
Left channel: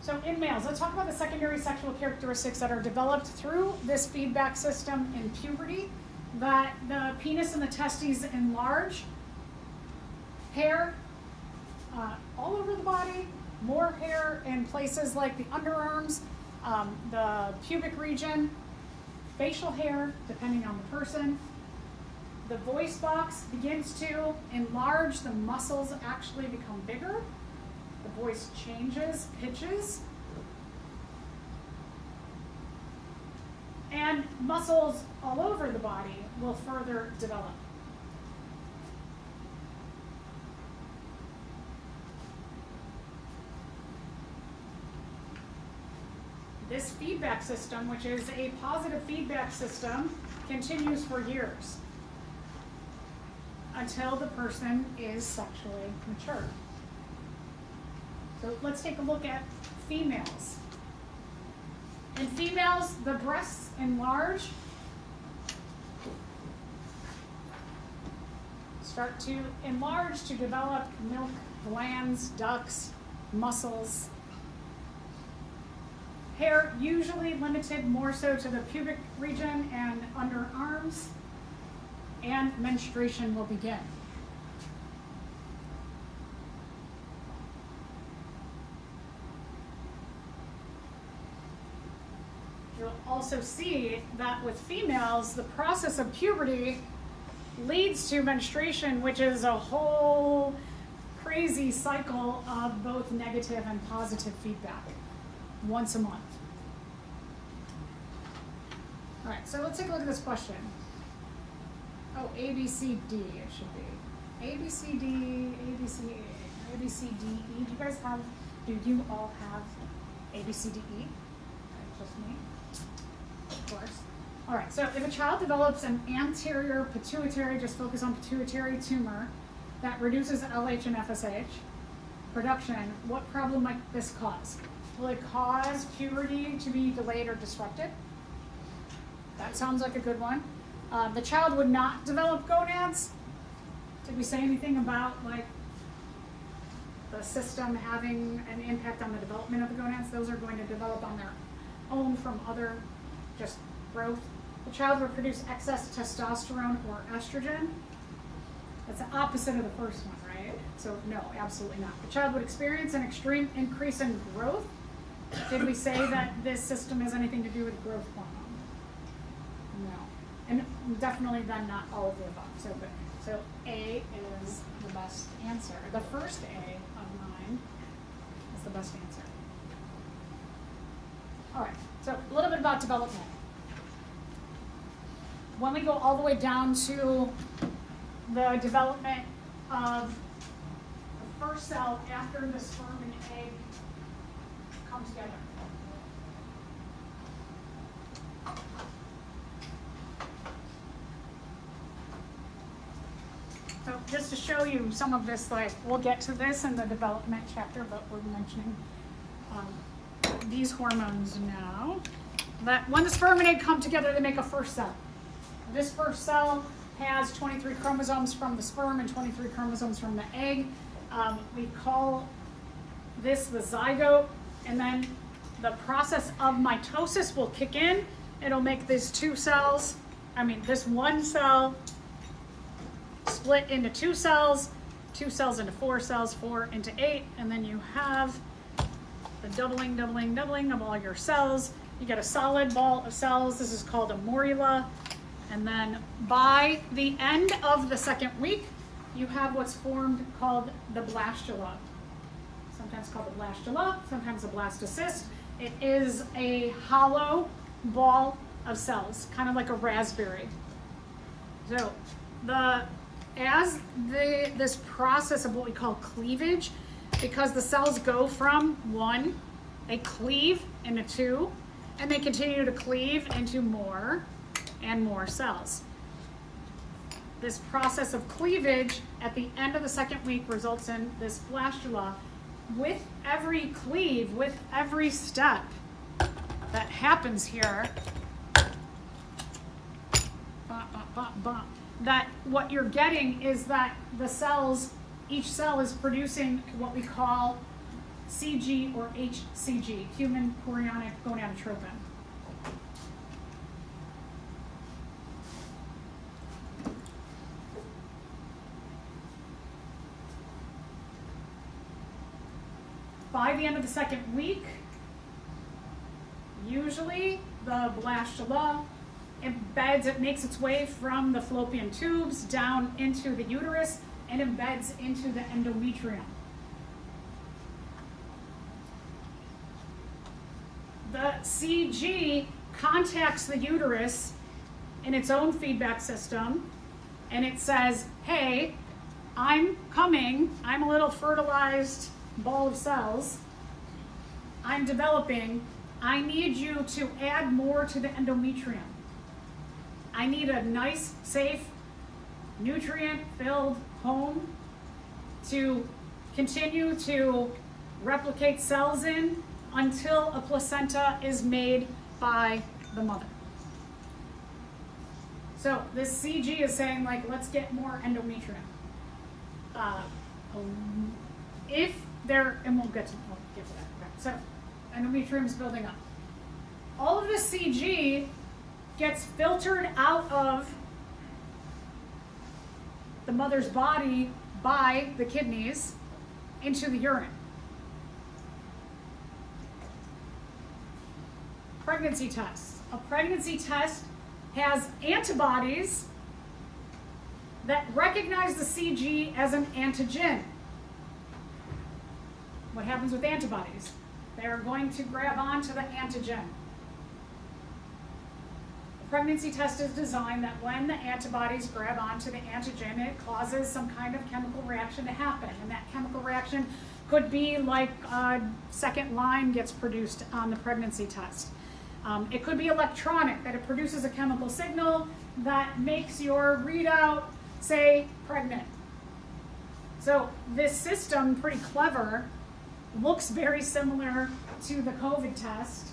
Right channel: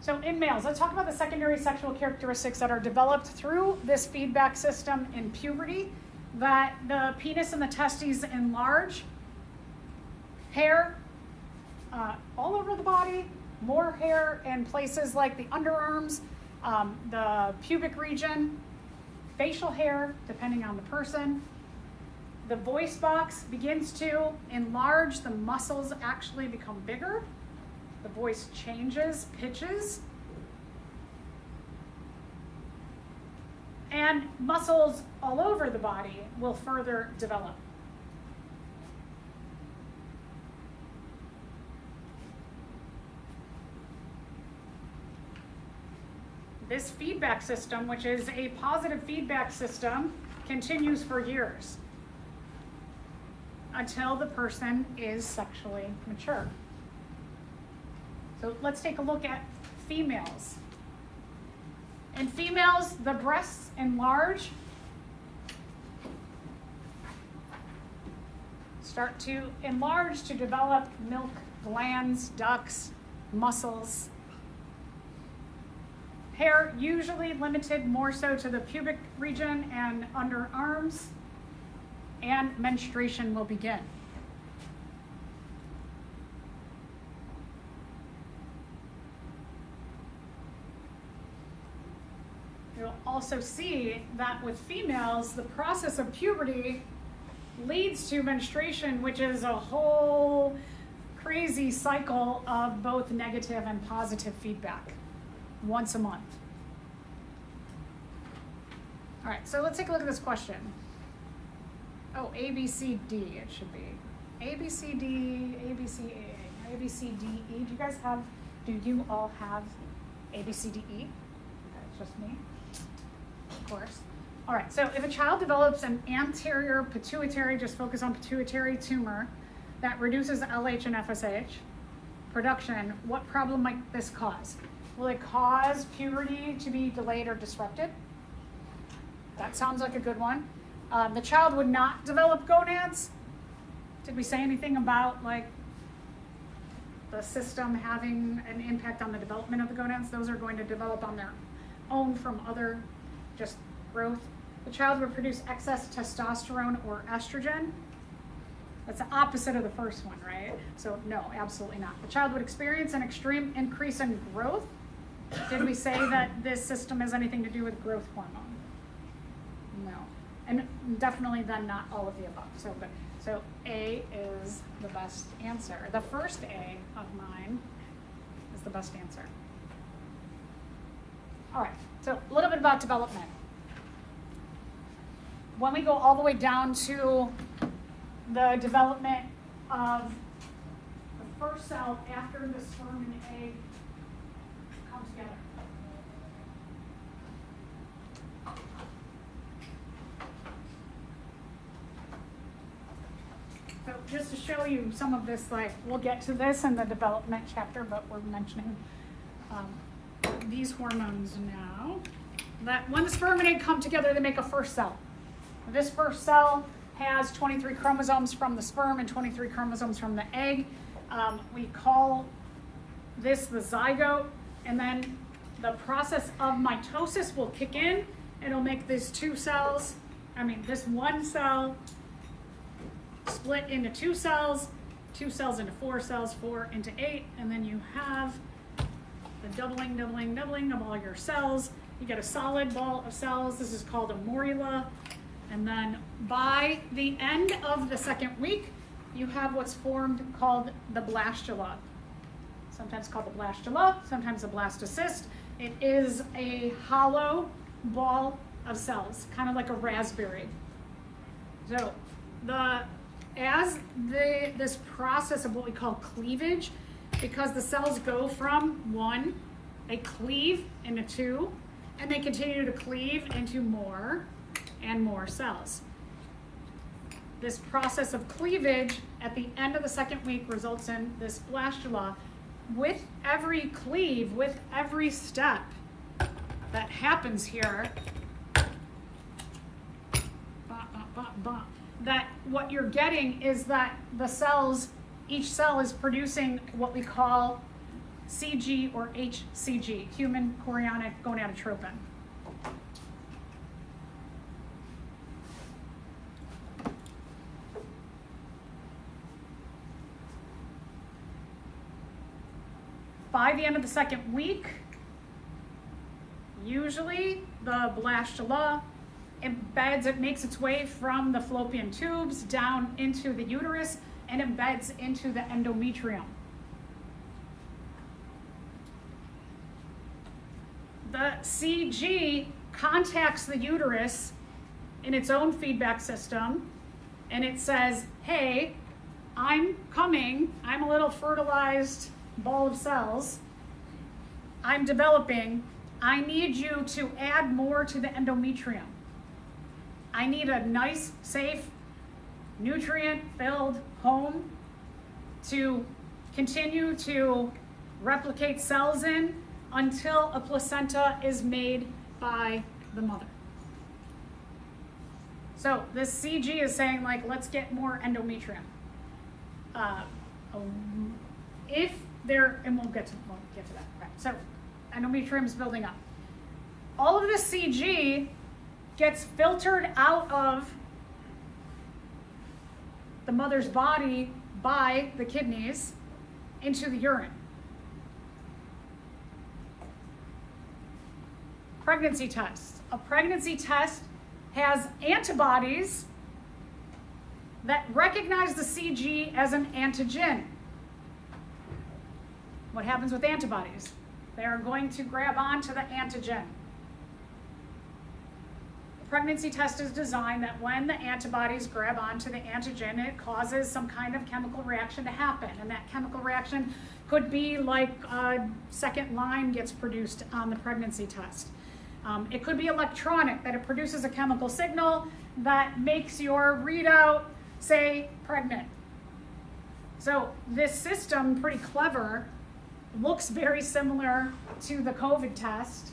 So in males, let's talk about the secondary sexual characteristics that are developed through this feedback system in puberty, that the penis and the testes enlarge, hair all over the body, more hair in places like the underarms, the pubic region, facial hair, depending on the person. The voice box begins to enlarge, the muscles actually become bigger, the voice changes, pitches, and muscles all over the body will further develop. This feedback system, which is a positive feedback system, continues for years until the person is sexually mature. So let's take a look at females. In females, the breasts enlarge, start to enlarge to develop milk glands, ducts, muscles. Hair usually limited more so to the pubic region and underarms, and menstruation will begin. You'll also see that with females, the process of puberty leads to menstruation, which is a whole crazy cycle of both negative and positive feedback once a month. All right, so let's take a look at this question. Oh, A, B, C, D, it should be. A, B, C, D, A, B, C, A, A, B, C, D, E. Do you all have A, B, C, D, E? That's just me, of course. All right, so if a child develops an anterior pituitary, just focus on pituitary tumor, that reduces LH and FSH production, what problem might this cause? Will it cause puberty to be delayed or disrupted? That sounds like a good one. The child would not develop gonads. Did we say anything about like the system having an impact on the development of the gonads? Those are going to develop on their own from other just growth. The child would produce excess testosterone or estrogen. That's the opposite of the first one, right? So no, absolutely not. The child would experience an extreme increase in growth. Did we say that this system has anything to do with growth hormone? No. And definitely then not all of the above. So good. So A is the best answer. The first A of mine is the best answer. All right, so a little bit about development. When we go all the way down to the development of the first cell after the sperm and egg come together. So just to show you some of this, like we'll get to this in the development chapter, but we're mentioning these hormones now. That when the sperm and egg come together, they make a first cell. This first cell has 23 chromosomes from the sperm and 23 chromosomes from the egg. We call this the zygote, and then the process of mitosis will kick in. It'll make these this one cell split into 2 cells, 2 cells into 4 cells, 4 into 8, and then you have the doubling of all your cells. You get a solid ball of cells. This is called a morula. And then by the end of the 2nd week, you have what's formed called the blastula. Sometimes called the blastula, sometimes a blastocyst. It is a hollow ball of cells, kind of like a raspberry. So this process of what we call cleavage, because the cells go from 1, they cleave into 2, and they continue to cleave into more and more cells. This process of cleavage at the end of the 2nd week results in this blastula. With every cleave, with every step that happens here, that what you're getting is that the cells, each cell is producing what we call CG or HCG, human chorionic gonadotropin. By the end of the 2nd week, usually the blastula embeds, it makes its way from the fallopian tubes down into the uterus and embeds into the endometrium. The CG contacts the uterus in its own feedback system, and it says, hey, I'm coming, I'm a little fertilized ball of cells, I'm developing, I need you to add more to the endometrium. I need a nice, safe, nutrient-filled home to continue to replicate cells in until a placenta is made by the mother. So this CG is saying, like, let's get more endometrium. If there, and we'll get to that. Okay. So endometrium is building up. All of this CG gets filtered out of the mother's body by the kidneys into the urine. Pregnancy tests. A pregnancy test has antibodies that recognize the CG as an antigen. What happens with antibodies? They are going to grab onto the antigen. The pregnancy test is designed that when the antibodies grab onto the antigen, it causes some kind of chemical reaction to happen. And that chemical reaction could be like a second line gets produced on the pregnancy test. It could be electronic, that it produces a chemical signal that makes your readout say pregnant. So this system, pretty clever, looks very similar to the COVID test.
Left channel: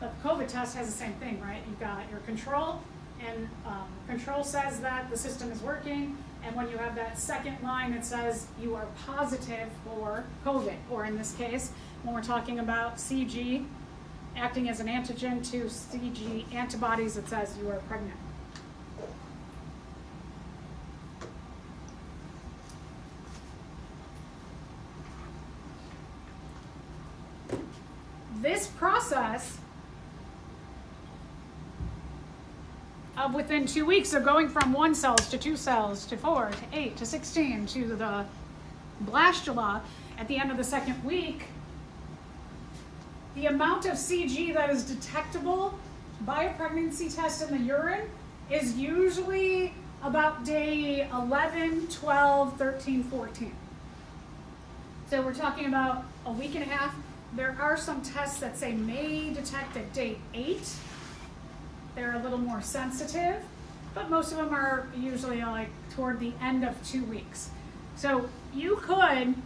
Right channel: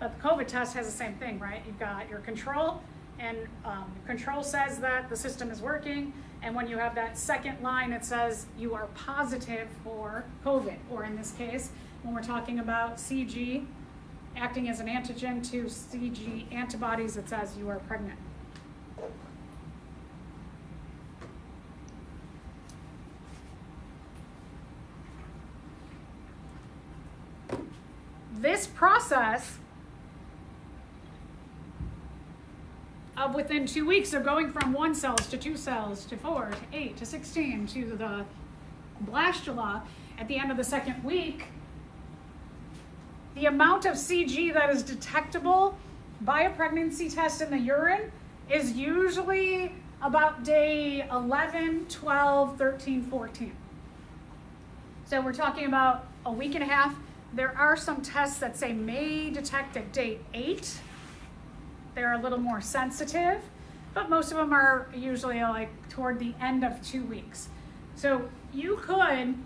But the COVID test has the same thing, right? You've got your control, and control says that the system is working, and when you have that second line, it says you are positive for COVID, or in this case, when we're talking about CG acting as an antigen to CG antibodies, it says you are pregnant. This process of within 2 weeks of going from 1 cells to 2 cells to 4 to 8 to 16 to the blastula at the end of the 2nd week, the amount of CG that is detectable by a pregnancy test in the urine is usually about day 11, 12, 13, 14. So we're talking about a week and a half. There are some tests that say may detect at day 8. They're a little more sensitive, but most of them are usually like toward the end of 2 weeks. So you could,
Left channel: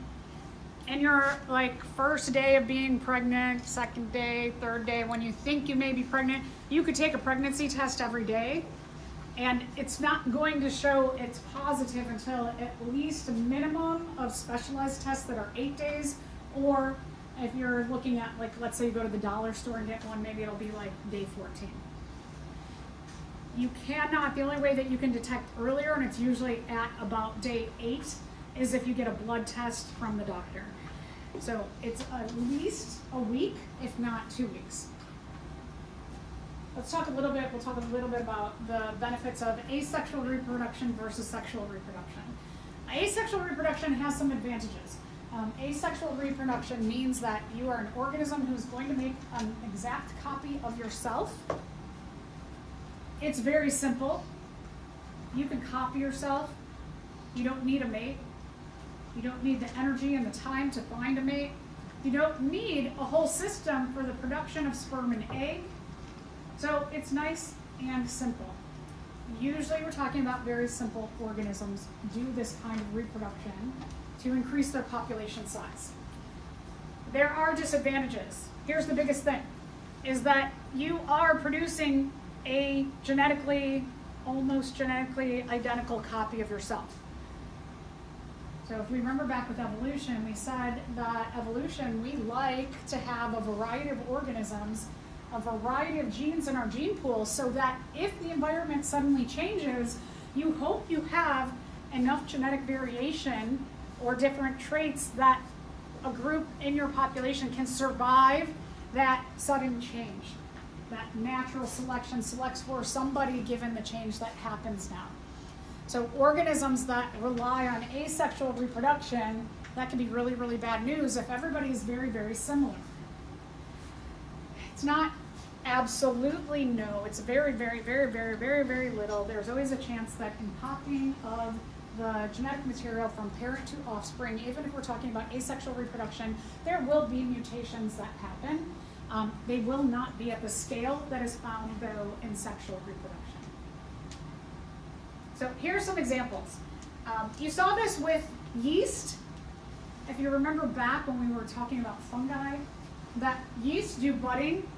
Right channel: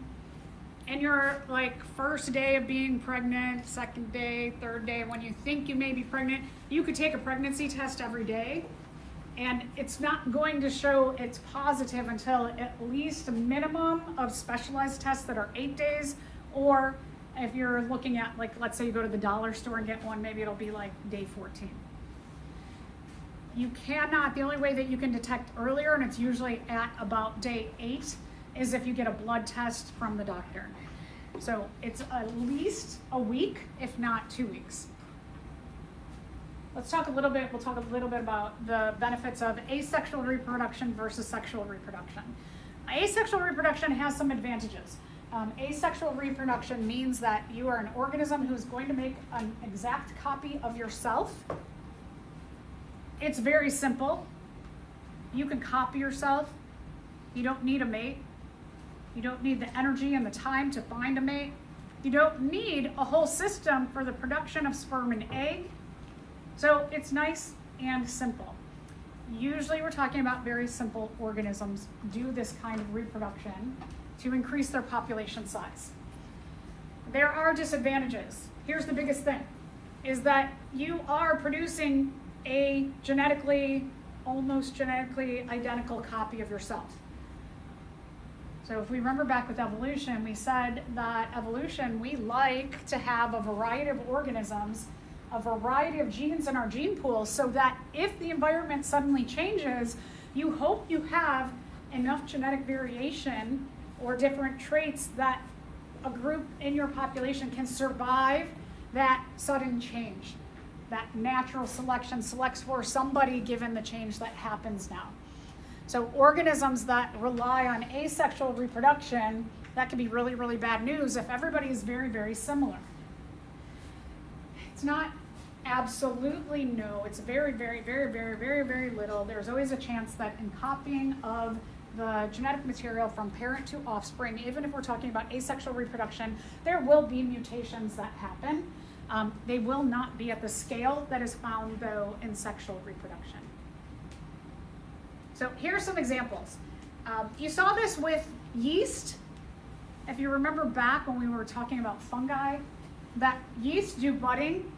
in your like first day of being pregnant, second day, third day, when you think you may be pregnant, you could take a pregnancy test every day, and it's not going to show it's positive until at least a minimum of specialized tests that are 8 days or If you're looking at, like, let's say you go to the dollar store and get one, maybe it'll be like day 14. You cannot, the only way that you can detect earlier, and it's usually at about day 8, is if you get a blood test from the doctor. So it's at least a week, if not 2 weeks. We'll talk a little bit about the benefits of asexual reproduction versus sexual reproduction. Asexual reproduction has some advantages. Asexual reproduction means that you are an organism who's going to make an exact copy of yourself. It's very simple. You can copy yourself. You don't need a mate. You don't need the energy and the time to find a mate. You don't need a whole system for the production of sperm and egg. So it's nice and simple. Usually we're talking about very simple organisms do this kind of reproduction to increase their population size. There are disadvantages. Here's the biggest thing, is that you are producing a almost genetically identical copy of yourself. So if we remember back with evolution, we said that evolution, we like to have a variety of organisms, a variety of genes in our gene pool, so that if the environment suddenly changes, you hope you have enough genetic variation or different traits that a group in your population can survive that sudden change. That natural selection selects for somebody given the change that happens now. So organisms that rely on asexual reproduction, that can be really, really bad news if everybody is very, very similar. It's not absolutely no, it's very, very, very, very, very, very little. There's always a chance that in copying of the genetic material from parent to offspring, even if we're talking about asexual reproduction, there will be mutations that happen. They will not be at the scale that is found, though, in sexual reproduction. So here's some examples. You saw this with yeast. If you remember back when we were talking about fungi, that yeast do budding.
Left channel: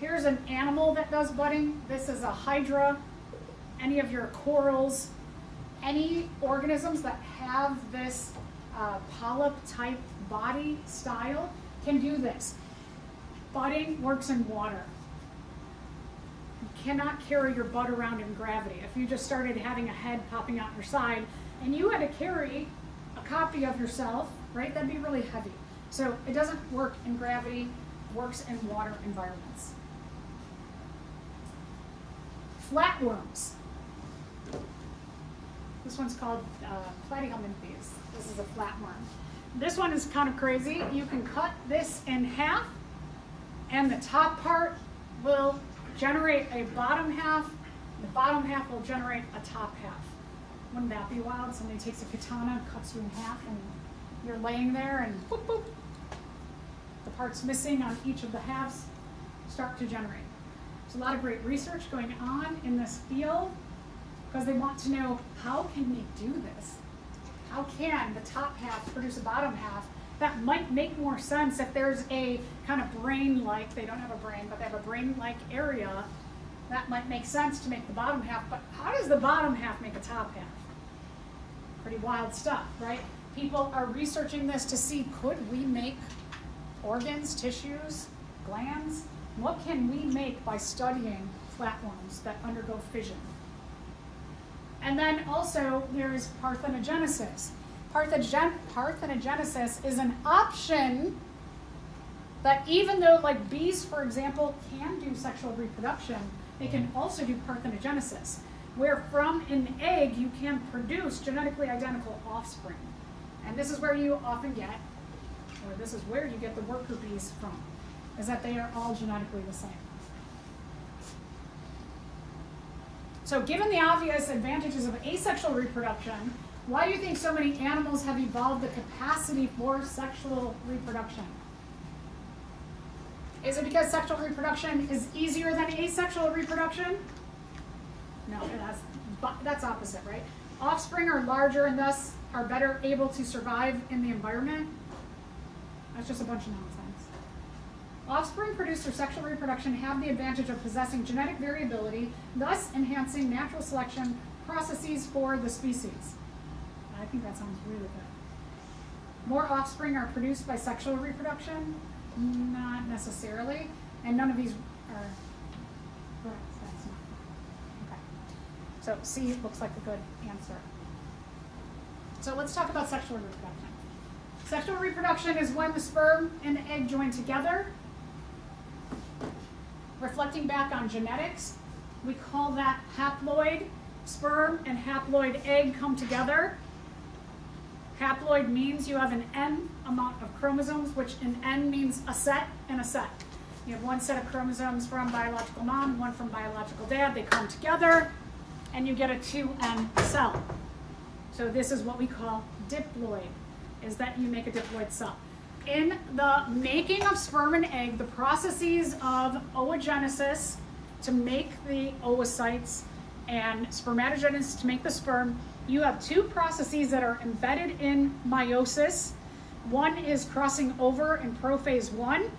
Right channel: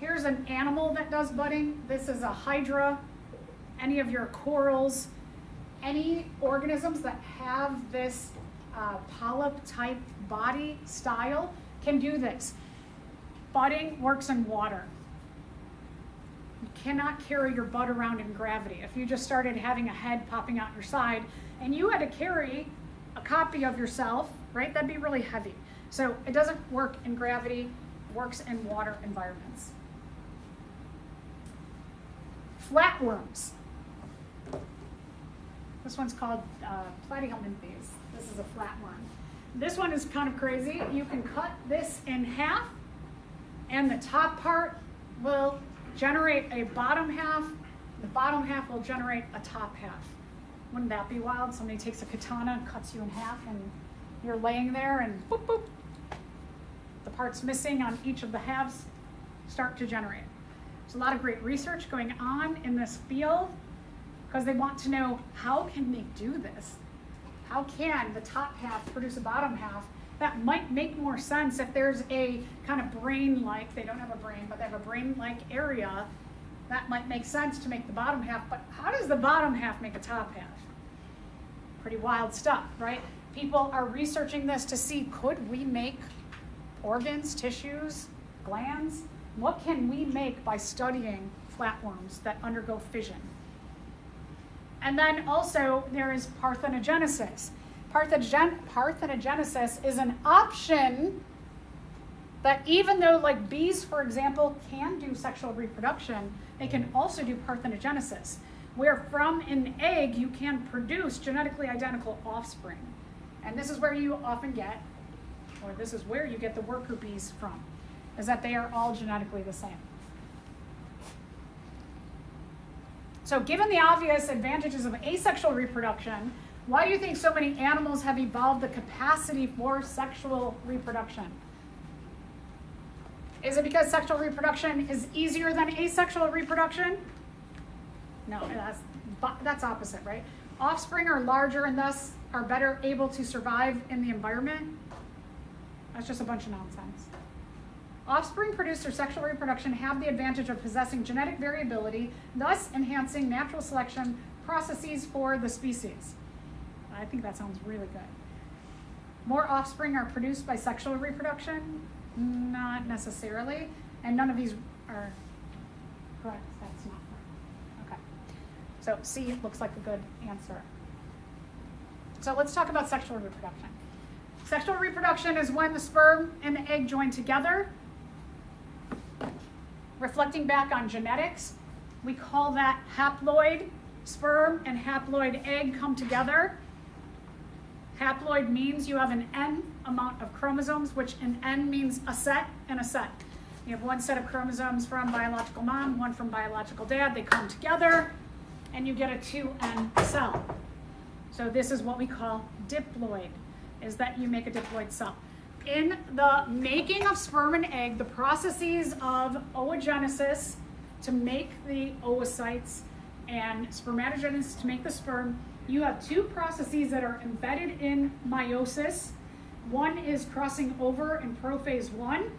Here's an animal that does budding. This is a hydra. Any of your corals, any organisms that have this polyp-type body style can do this. Budding works in water. You cannot carry your bud around in gravity. If you just started having a head popping out your side and you had to carry a copy of yourself, right, that'd be really heavy. So it doesn't work in gravity, it works in water environments. Flatworms. This one's called platyhelminthes. This is a flatworm. This one is kind of crazy. You can cut this in half, and the top part will generate a bottom half. The bottom half will generate a top half. Wouldn't that be wild? Somebody takes a katana and cuts you in half, and you're laying there, and boop, boop. The parts missing on each of the halves start to generate. There's a lot of great research going on in this field because they want to know, how can they do this? How can the top half produce a bottom half? That might make more sense if there's a kind of brain-like, they don't have a brain, but they have a brain-like area. That might make sense to make the bottom half, but how does the bottom half make a top half? Pretty wild stuff, right? People are researching this to see, could we make organs, tissues, glands? What can we make by studying flatworms that undergo fission? And then also there is parthenogenesis. Parthenogenesis is an option that, even though like bees, for example, can do sexual reproduction, they can also do parthenogenesis, where from an egg you can produce genetically identical offspring. And this is where you often get, or this is where you get the worker bees from, is that they are all genetically the same. So given the obvious advantages of asexual reproduction, why do you think so many animals have evolved the capacity for sexual reproduction? Is it because sexual reproduction is easier than asexual reproduction? No, that's opposite, right? Offspring are larger and thus are better able to survive in the environment. That's just a bunch of nonsense. Offspring produced through sexual reproduction have the advantage of possessing genetic variability, thus enhancing natural selection processes for the species. I think that sounds really good. More offspring are produced by sexual reproduction? Not necessarily. And none of these are correct. That's not correct. Okay. So C looks like a good answer. So let's talk about sexual reproduction. Sexual reproduction is when the sperm and the egg join together. Reflecting back on genetics, we call that haploid sperm and haploid egg come together. Haploid means you have an N amount of chromosomes, which an N means a set and a set. You have one set of chromosomes from biological mom, one from biological dad. They come together and you get a 2N cell. So this is what we call diploid, is that you make a diploid cell. In the making of sperm and egg, the processes of oogenesis to make the oocytes and spermatogenesis to make the sperm, you have two processes that are embedded in meiosis. One is crossing over in prophase 1,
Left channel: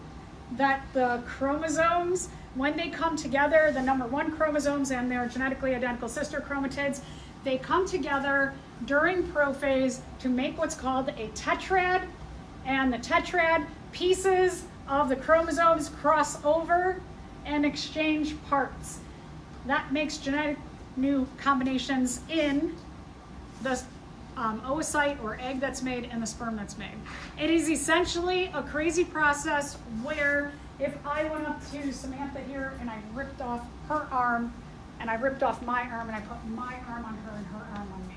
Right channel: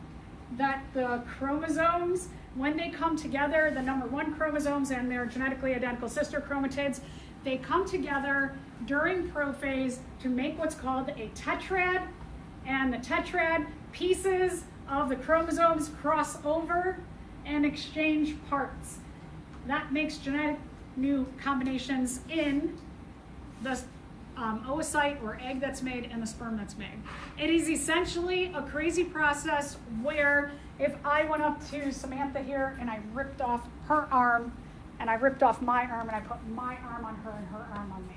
that the chromosomes, when they come together, the number 1 chromosomes and their genetically identical sister chromatids, they come together during prophase to make what's called a tetrad, and the tetrad pieces of the chromosomes cross over and exchange parts. That makes genetic new combinations in the oocyte or egg that's made and the sperm that's made. It is essentially a crazy process where if I went up to Samantha here and I ripped off her arm and I ripped off my arm and I put my arm on her and her arm on me.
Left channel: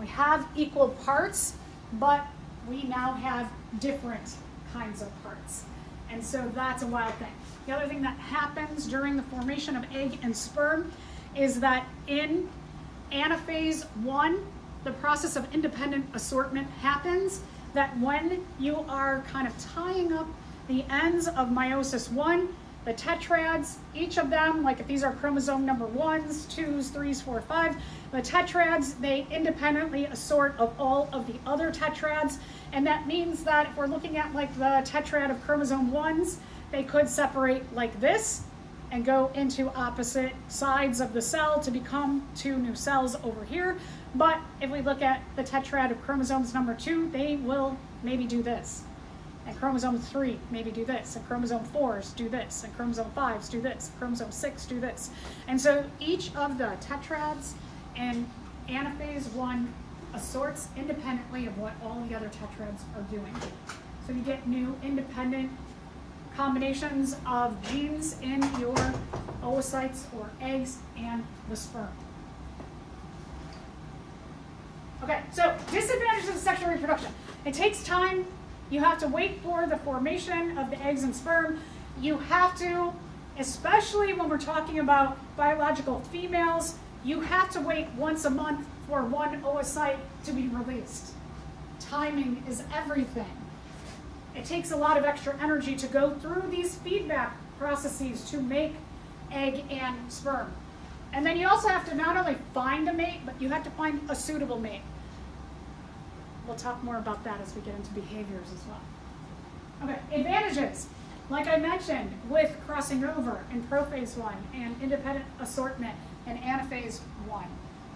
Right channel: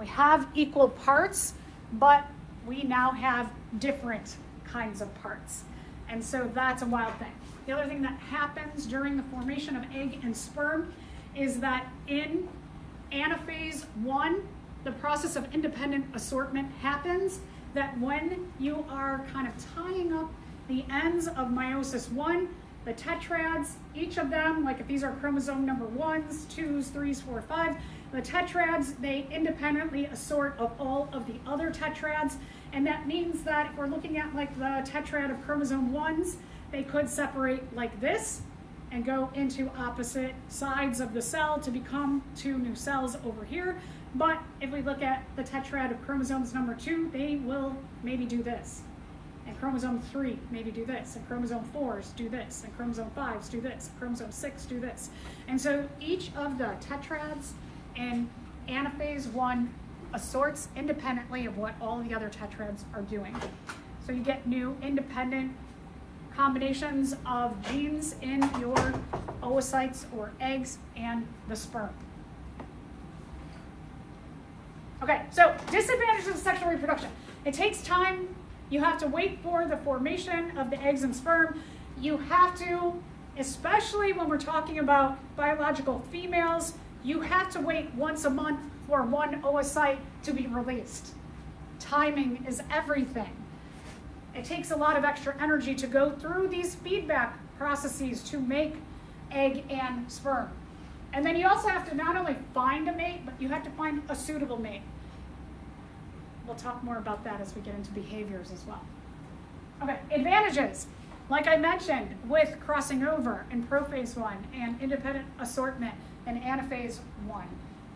We have equal parts, but we now have different kinds of parts. And so that's a wild thing. The other thing that happens during the formation of egg and sperm is that in anaphase 1, the process of independent assortment happens, that when you are kind of tying up the ends of meiosis 1, the tetrads, each of them, like if these are chromosome number 1s, 2s, 3s, 4, 5, the tetrads, they independently assort of all of the other tetrads. And that means that if we're looking at like the tetrad of chromosome 1s, they could separate like this and go into opposite sides of the cell to become 2 new cells over here. But if we look at the tetrad of chromosomes number 2, they will maybe do this. And chromosome 3 maybe do this. And chromosome 4s do this. And chromosome 5s do this. And chromosome 6 do this. And so each of the tetrads in anaphase 1 assorts independently of what all the other tetrads are doing. So you get new independent combinations of genes in your oocytes or eggs and the sperm. Okay, so disadvantages of sexual reproduction. It takes time. You have to wait for the formation of the eggs and sperm. You have to, especially when we're talking about biological females, you have to wait once a month for one oocyte to be released. Timing is everything. It takes a lot of extra energy to go through these feedback processes to make egg and sperm. And then you also have to not only find a mate, but you have to find a suitable mate. We'll talk more about that as we get into behaviors as well. Okay, advantages. Like I mentioned, with crossing over in prophase 1 and independent assortment in anaphase 1,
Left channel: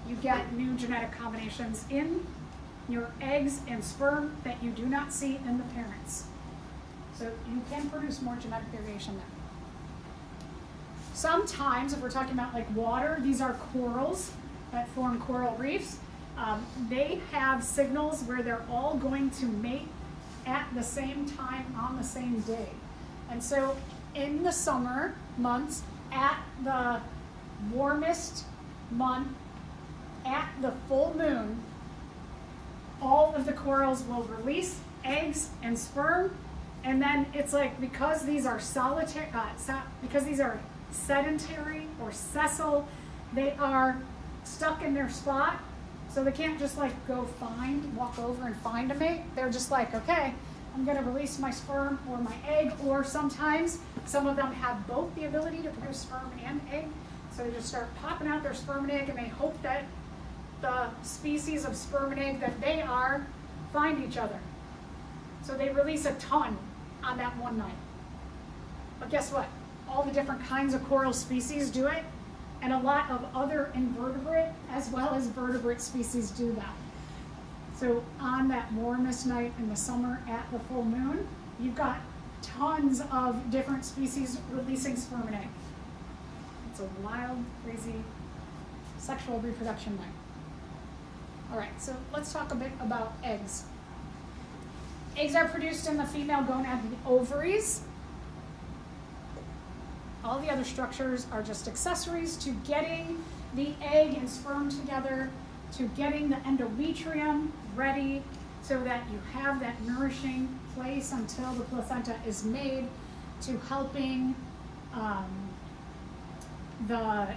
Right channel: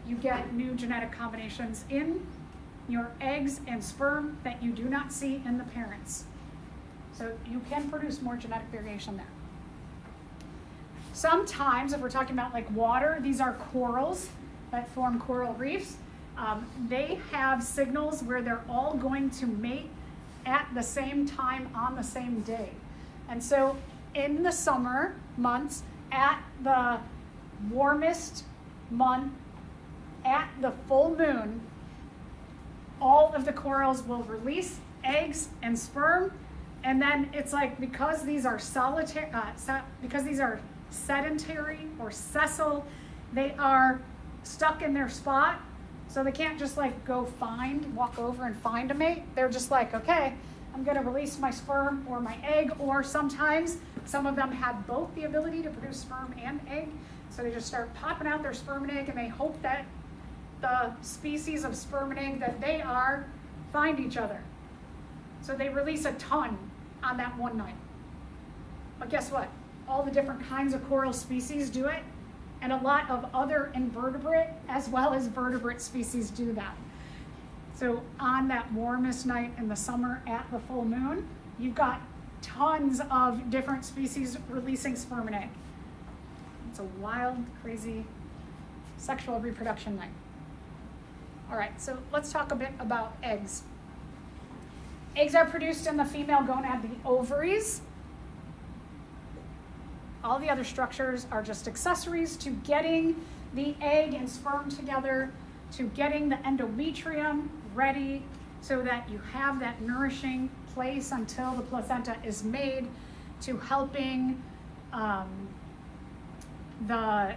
you get new genetic combinations in your eggs and sperm that you do not see in the parents. So you can produce more genetic variation there. Sometimes, if we're talking about like water, these are corals that form coral reefs. They have signals where they're all going to mate at the same time on the same day. And so in the summer months, at the warmest month, at the full moon, all of the corals will release eggs and sperm. And then it's like, because these are solitary, because these are sedentary or sessile, they are stuck in their spot. So they can't just like go walk over and find a mate. They're just like, okay, I'm gonna release my sperm or my egg, or sometimes some of them have both the ability to produce sperm and egg. So they just start popping out their sperm and egg, and they hope that the species of sperm and egg that they are find each other. So they release a ton on that one night. But guess what? All the different kinds of coral species do it, and a lot of other invertebrate as well as vertebrate species do that. So on that warmest night in the summer at the full moon, you've got tons of different species releasing sperm and egg. It's a wild, crazy sexual reproduction night. All right, so let's talk a bit about eggs. Eggs are produced in the female gonad, the ovaries. All the other structures are just accessories to getting the egg and sperm together, to getting the endometrium ready so that you have that nourishing place until the placenta is made, to helping the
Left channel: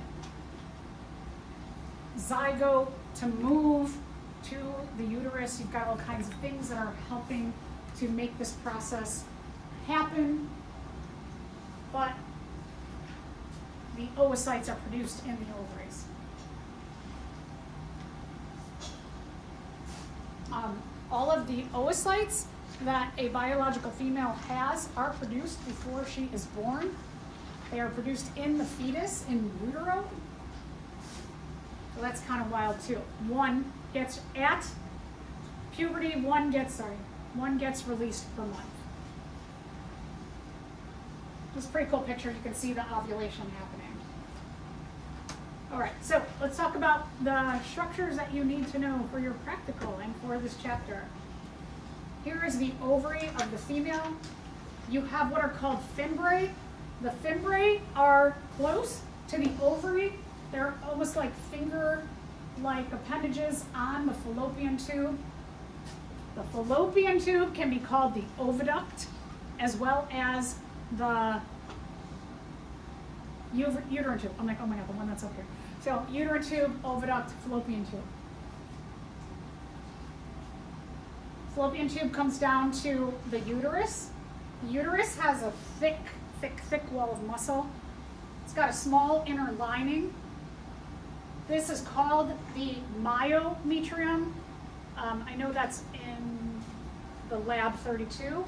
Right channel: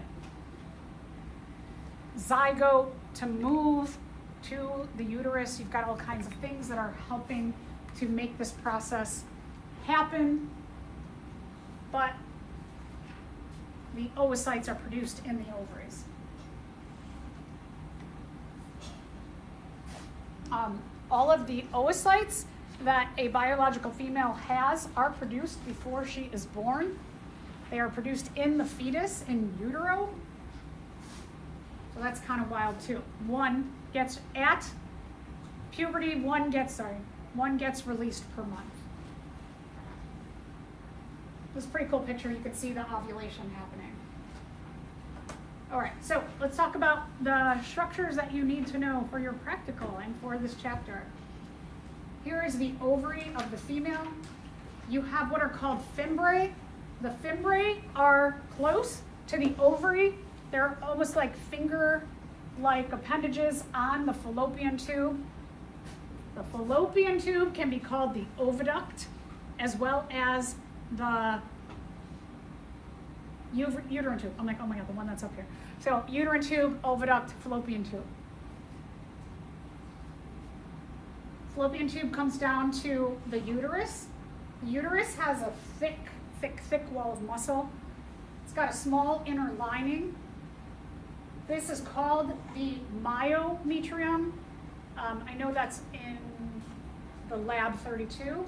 zygote to move to the uterus. You've got all kinds of things that are helping to make this process happen, but the oocytes are produced in the ovaries. All of the oocytes that a biological female has are produced before she is born. They are produced in the fetus, in utero. So that's kind of wild too. One gets at puberty, one gets released per month. This is a pretty cool picture. You can see the ovulation happening. All right, so let's talk about the structures that you need to know for your practical and for this chapter. Here is the ovary of the female. You have what are called fimbriae. The fimbriae are close to the ovary. They're almost like finger-like appendages on the fallopian tube. The fallopian tube can be called the oviduct, as well as the uterine tube. I'm like, oh my God, the one that's up here. So uterine tube, oviduct, fallopian tube. Fallopian tube comes down to the uterus. The uterus has a thick wall of muscle. It's got a small inner lining. This is called the myometrium. I know that's in the lab 32.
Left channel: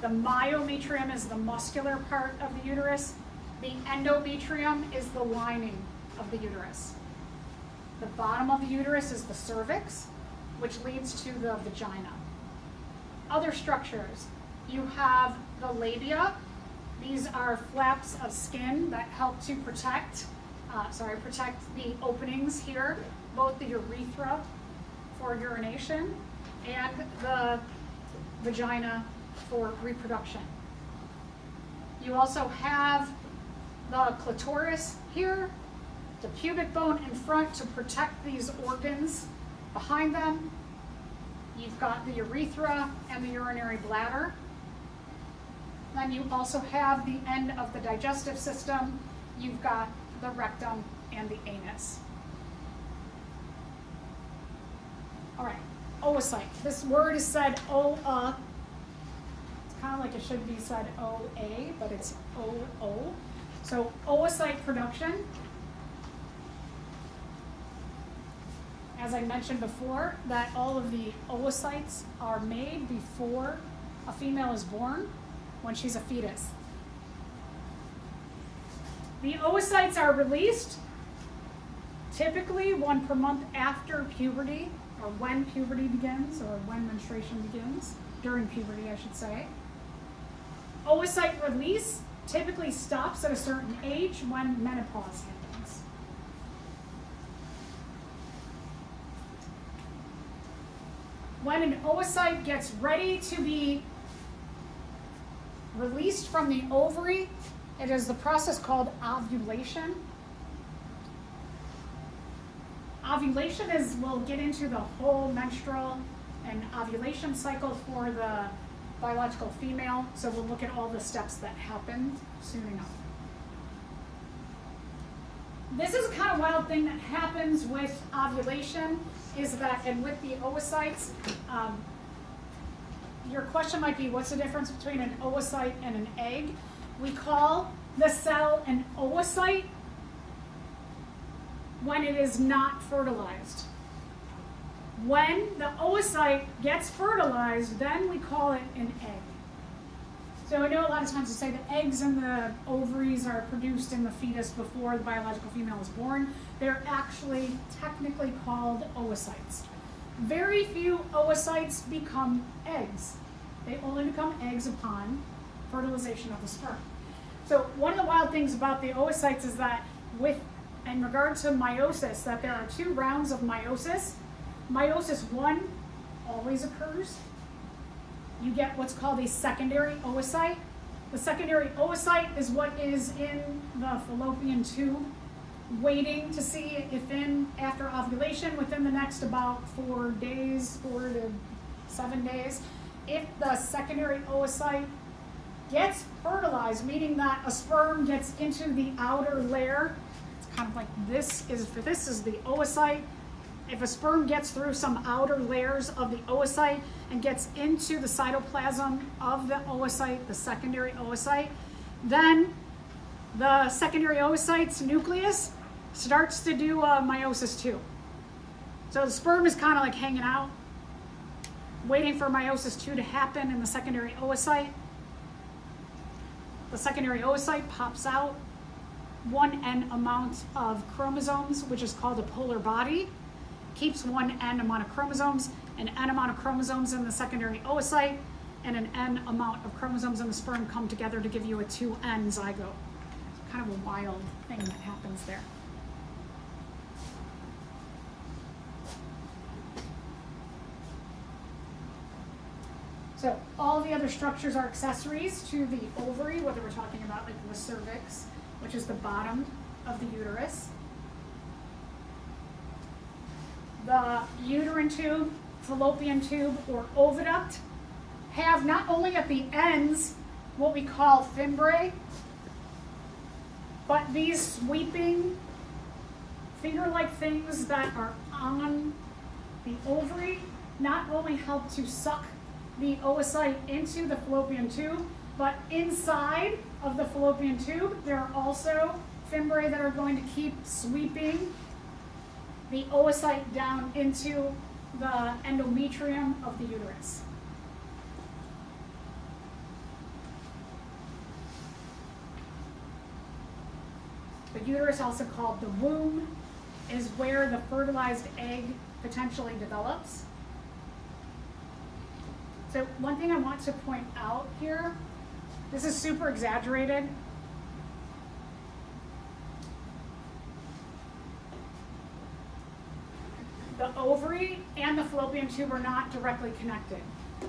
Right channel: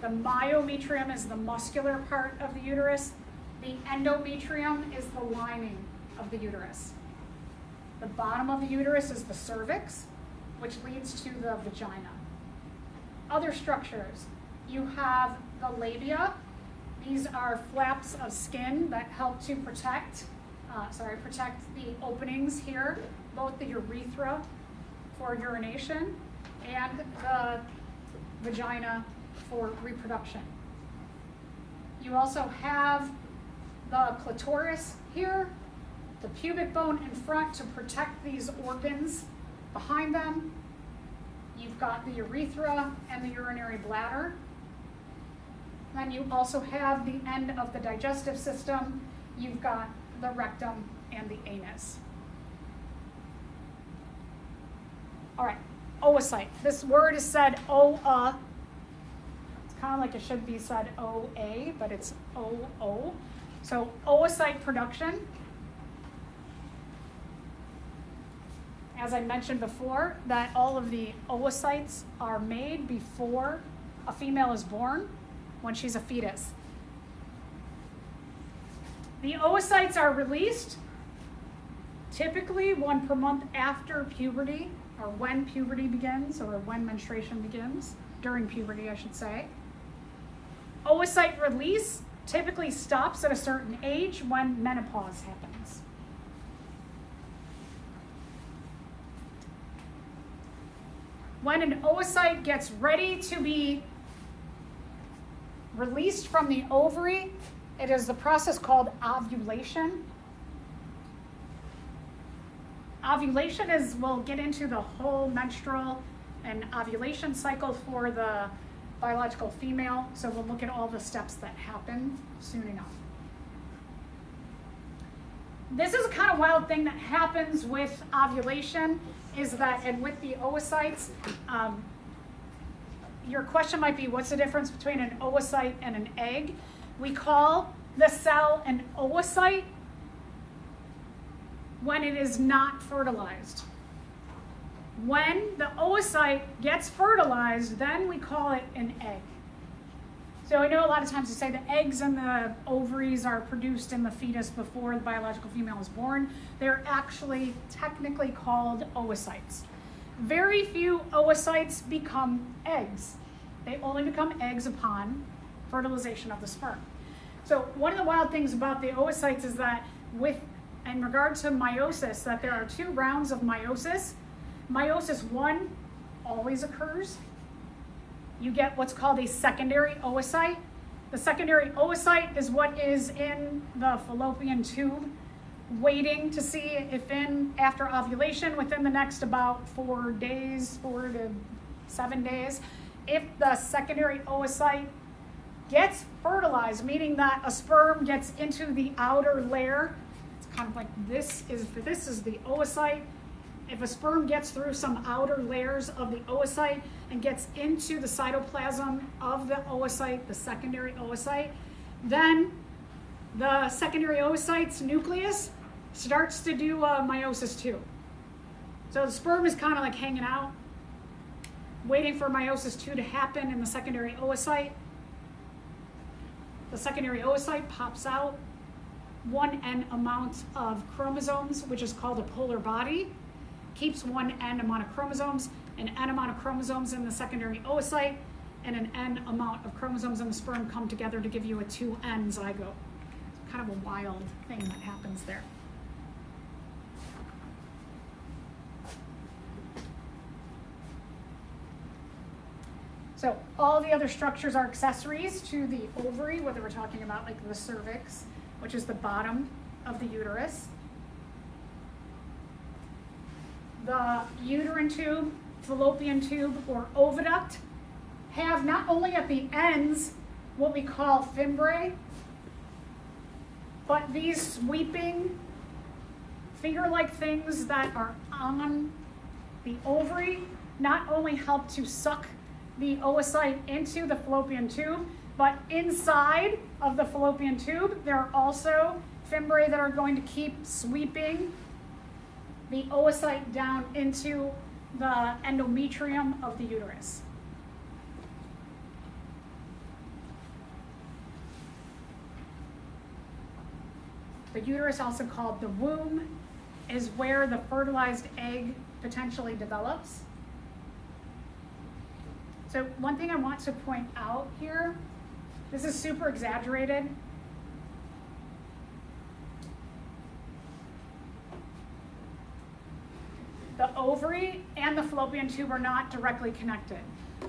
The myometrium is the muscular part of the uterus. The endometrium is the lining of the uterus. The bottom of the uterus is the cervix, which leads to the vagina. Other structures, you have the labia. These are flaps of skin that help to protect the openings here, both the urethra for urination and the vagina for reproduction. You also have the clitoris here, the pubic bone in front to protect these organs behind them. You've got the urethra and the urinary bladder. Then you also have the end of the digestive system. You've got the rectum and the anus. All right, oocyte. This word is said O-A. It's kind of like it should be said O-A, but it's O-O. So oocyte production. As I mentioned before, that all of the oocytes are made before a female is born, when she's a fetus. The oocytes are released typically 1 per month after puberty, or when puberty begins, or when menstruation begins, during puberty, I should say. Oocyte release typically stops at a certain age when menopause happens. When an oocyte gets ready to be released from the ovary, it is the process called ovulation. Ovulation is, we'll get into the whole menstrual and ovulation cycle for the biological female, so we'll look at all the steps that happen soon enough. This is a kind of wild thing that happens with ovulation, is that, and with the oocytes, your question might be, what's the difference between an oocyte and an egg? We call the cell an oocyte when it is not fertilized. When the oocyte gets fertilized, then we call it an egg. So I know a lot of times you say the eggs and the ovaries are produced in the fetus before the biological female is born. They're actually technically called oocytes. very few oocytes become eggs. They only become eggs upon fertilization of the sperm. So one of the wild things about the oocytes is that in regard to meiosis, that there are 2 rounds of meiosis. Meiosis 1 always occurs. You get what's called a secondary oocyte. The secondary oocyte is what is in the fallopian tube, waiting to see if after ovulation, within the next about 4 days, 4 to 7 days, if the secondary oocyte gets fertilized, meaning that a sperm gets into the outer layer. It's kind of like this is the oocyte. If a sperm gets through some outer layers of the oocyte and gets into the cytoplasm of the oocyte, the secondary oocyte, then the secondary oocyte's nucleus starts to do meiosis 2. So the sperm is kind of like hanging out, waiting for meiosis 2 to happen in the secondary oocyte. The secondary oocyte pops out 1n amount of chromosomes, which is called a polar body, keeps 1n amount of chromosomes, an n amount of chromosomes in the secondary oocyte, and an n amount of chromosomes in the sperm come together to give you a 2n zygote. It's kind of a wild thing that happens there. So all the other structures are accessories to the ovary, whether we're talking about like the cervix, which is the bottom of the uterus. The uterine tube, fallopian tube, or oviduct have not only at the ends what we call fimbriae, but these sweeping finger-like things that are on the ovary not only help to suck the oocyte into the fallopian tube, but inside of the fallopian tube, there are also fimbriae that are going to keep sweeping the oocyte down into the endometrium of the uterus. The uterus, also called the womb, is where the fertilized egg potentially develops. So one thing I want to point out here, this is super exaggerated. The ovary and the fallopian tube are not directly connected.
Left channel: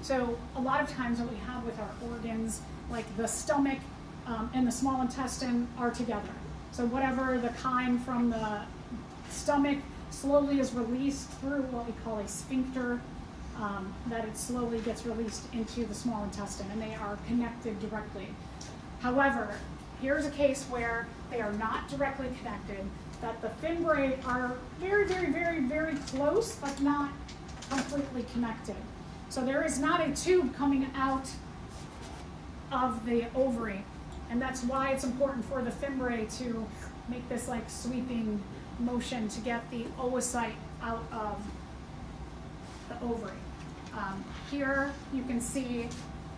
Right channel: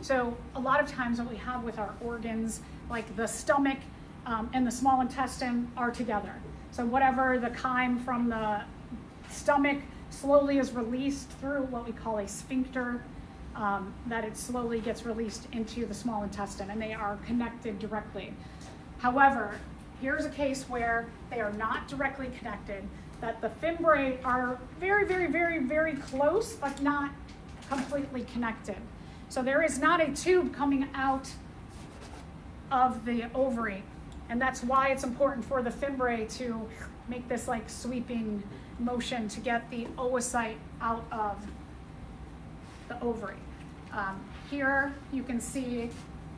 So a lot of times what we have with our organs, like the stomach and the small intestine, are together. So whatever the chyme from the stomach slowly is released through what we call a sphincter, that it slowly gets released into the small intestine, and they are connected directly. However, here's a case where they are not directly connected, that the fimbriae are very, very, very, very close, but not completely connected. So there is not a tube coming out of the ovary, and that's why it's important for the fimbriae to make this like sweeping motion to get the oocyte out of the ovary. Here you can see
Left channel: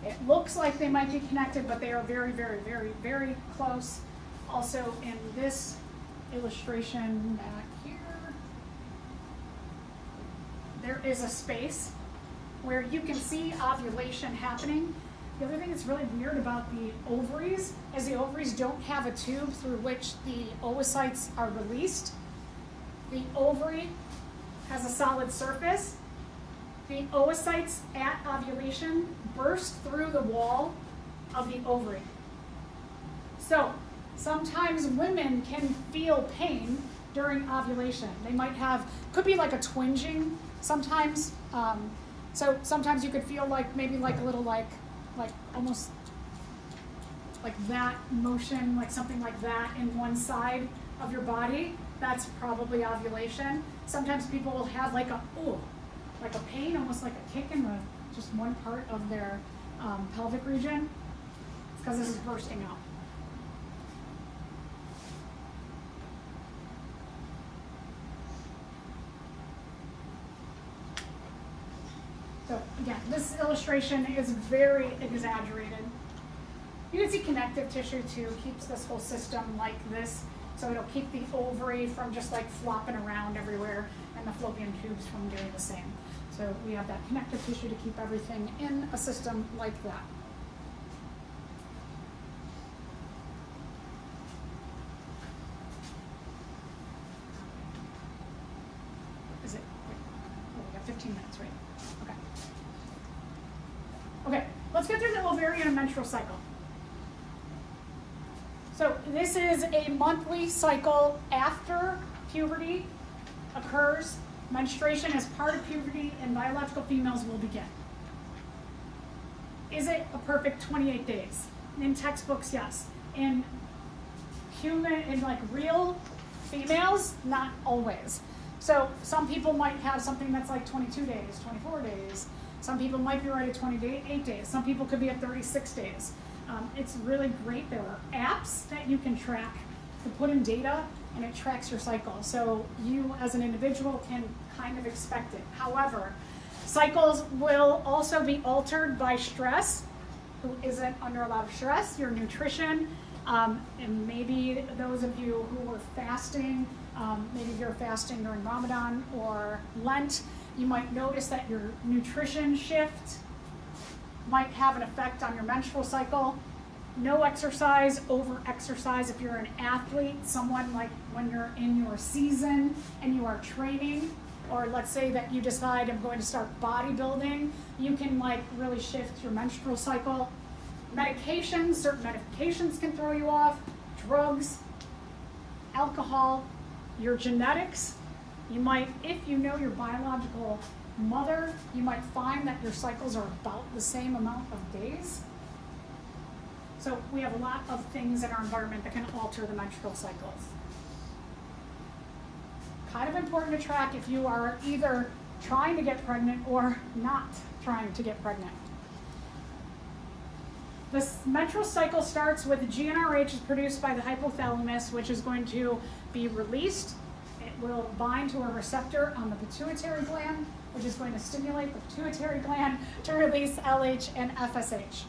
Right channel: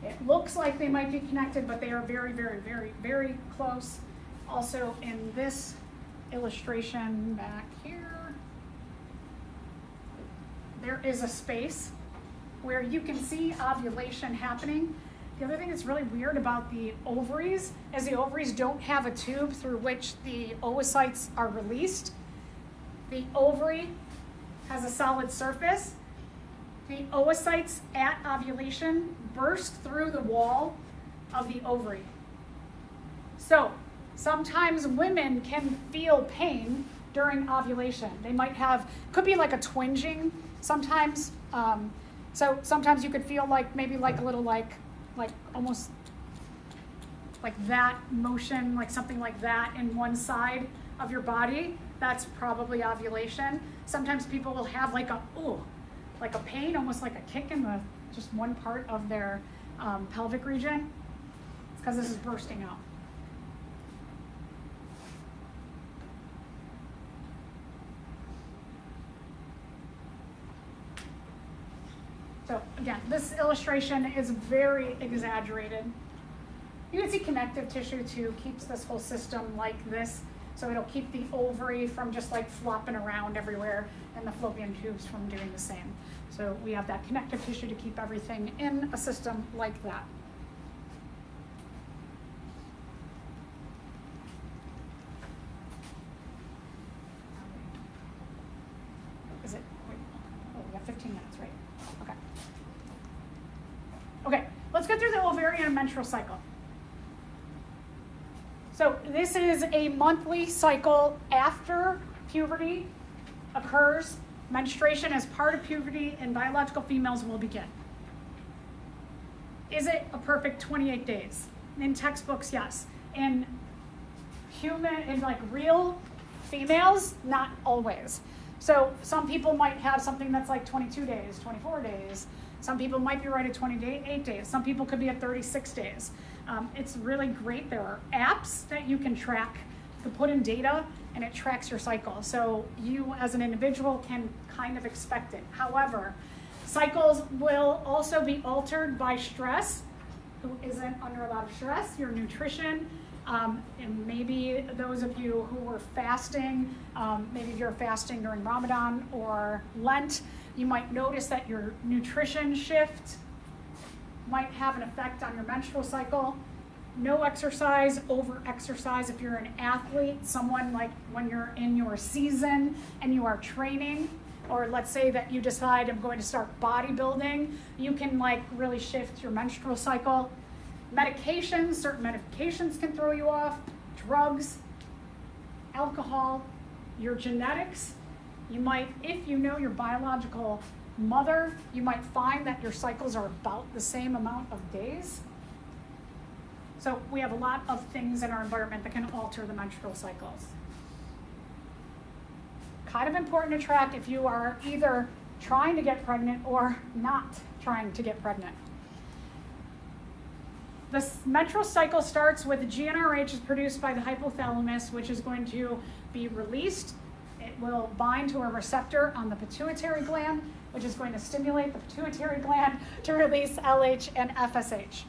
it looks like they might be connected, but they are very, very, very, very close. Also in this illustration back here, there is a space where you can see ovulation happening. The other thing that's really weird about the ovaries is the ovaries don't have a tube through which the oocytes are released. The ovary has a solid surface. The oocytes at ovulation burst through the wall of the ovary. So sometimes women can feel pain during ovulation. They might have, could be like a twinging sometimes. So sometimes you could feel like maybe like a little like almost like that motion, like something like that in one side of your body. That's probably ovulation. Sometimes people will have like a, like a pain, almost like a kick in the, just one part of their pelvic region. It's because this is bursting out. So again, this illustration is very exaggerated. You can see connective tissue too keeps this whole system like this. So it'll keep the ovary from just like flopping around everywhere and the fallopian tubes from doing the same. So we have that connective tissue to keep everything in a system like that. Is it? Oh, we got 15 minutes, right? Okay. Okay, let's get through the ovarian and menstrual cycle. So this is a monthly cycle after puberty occurs. Menstruation as part of puberty in biological females will begin. Is it a perfect 28 days? In textbooks, yes. In like real females, not always. So some people might have something that's like 22 days, 24 days. Some people might be right at 28 days. Some people could be at 36 days. It's really great. There are apps that you can track to put in data, and it tracks your cycle. So you as an individual can kind of expect it. However, cycles will also be altered by stress. Who isn't under a lot of stress? Your nutrition, and maybe those of you who were fasting, maybe you're fasting during Ramadan or Lent, you might notice that your nutrition shift might have an effect on your menstrual cycle. No exercise, over exercise. If you're an athlete, someone like when you're in your season and you are training, or let's say that you decide I'm going to start bodybuilding, you can like really shift your menstrual cycle. Medications, certain medications can throw you off. Drugs, alcohol, your genetics. You might, if you know your biological mother, you might find that your cycles are about the same amount of days. So we have a lot of things in our environment that can alter the menstrual cycles. Kind of important to track if you are either trying to get pregnant or not trying to get pregnant. The menstrual cycle starts with GnRH is produced by the hypothalamus, which is going to be released. It will bind to a receptor on the pituitary gland, which is going to stimulate the pituitary gland to release LH and FSH.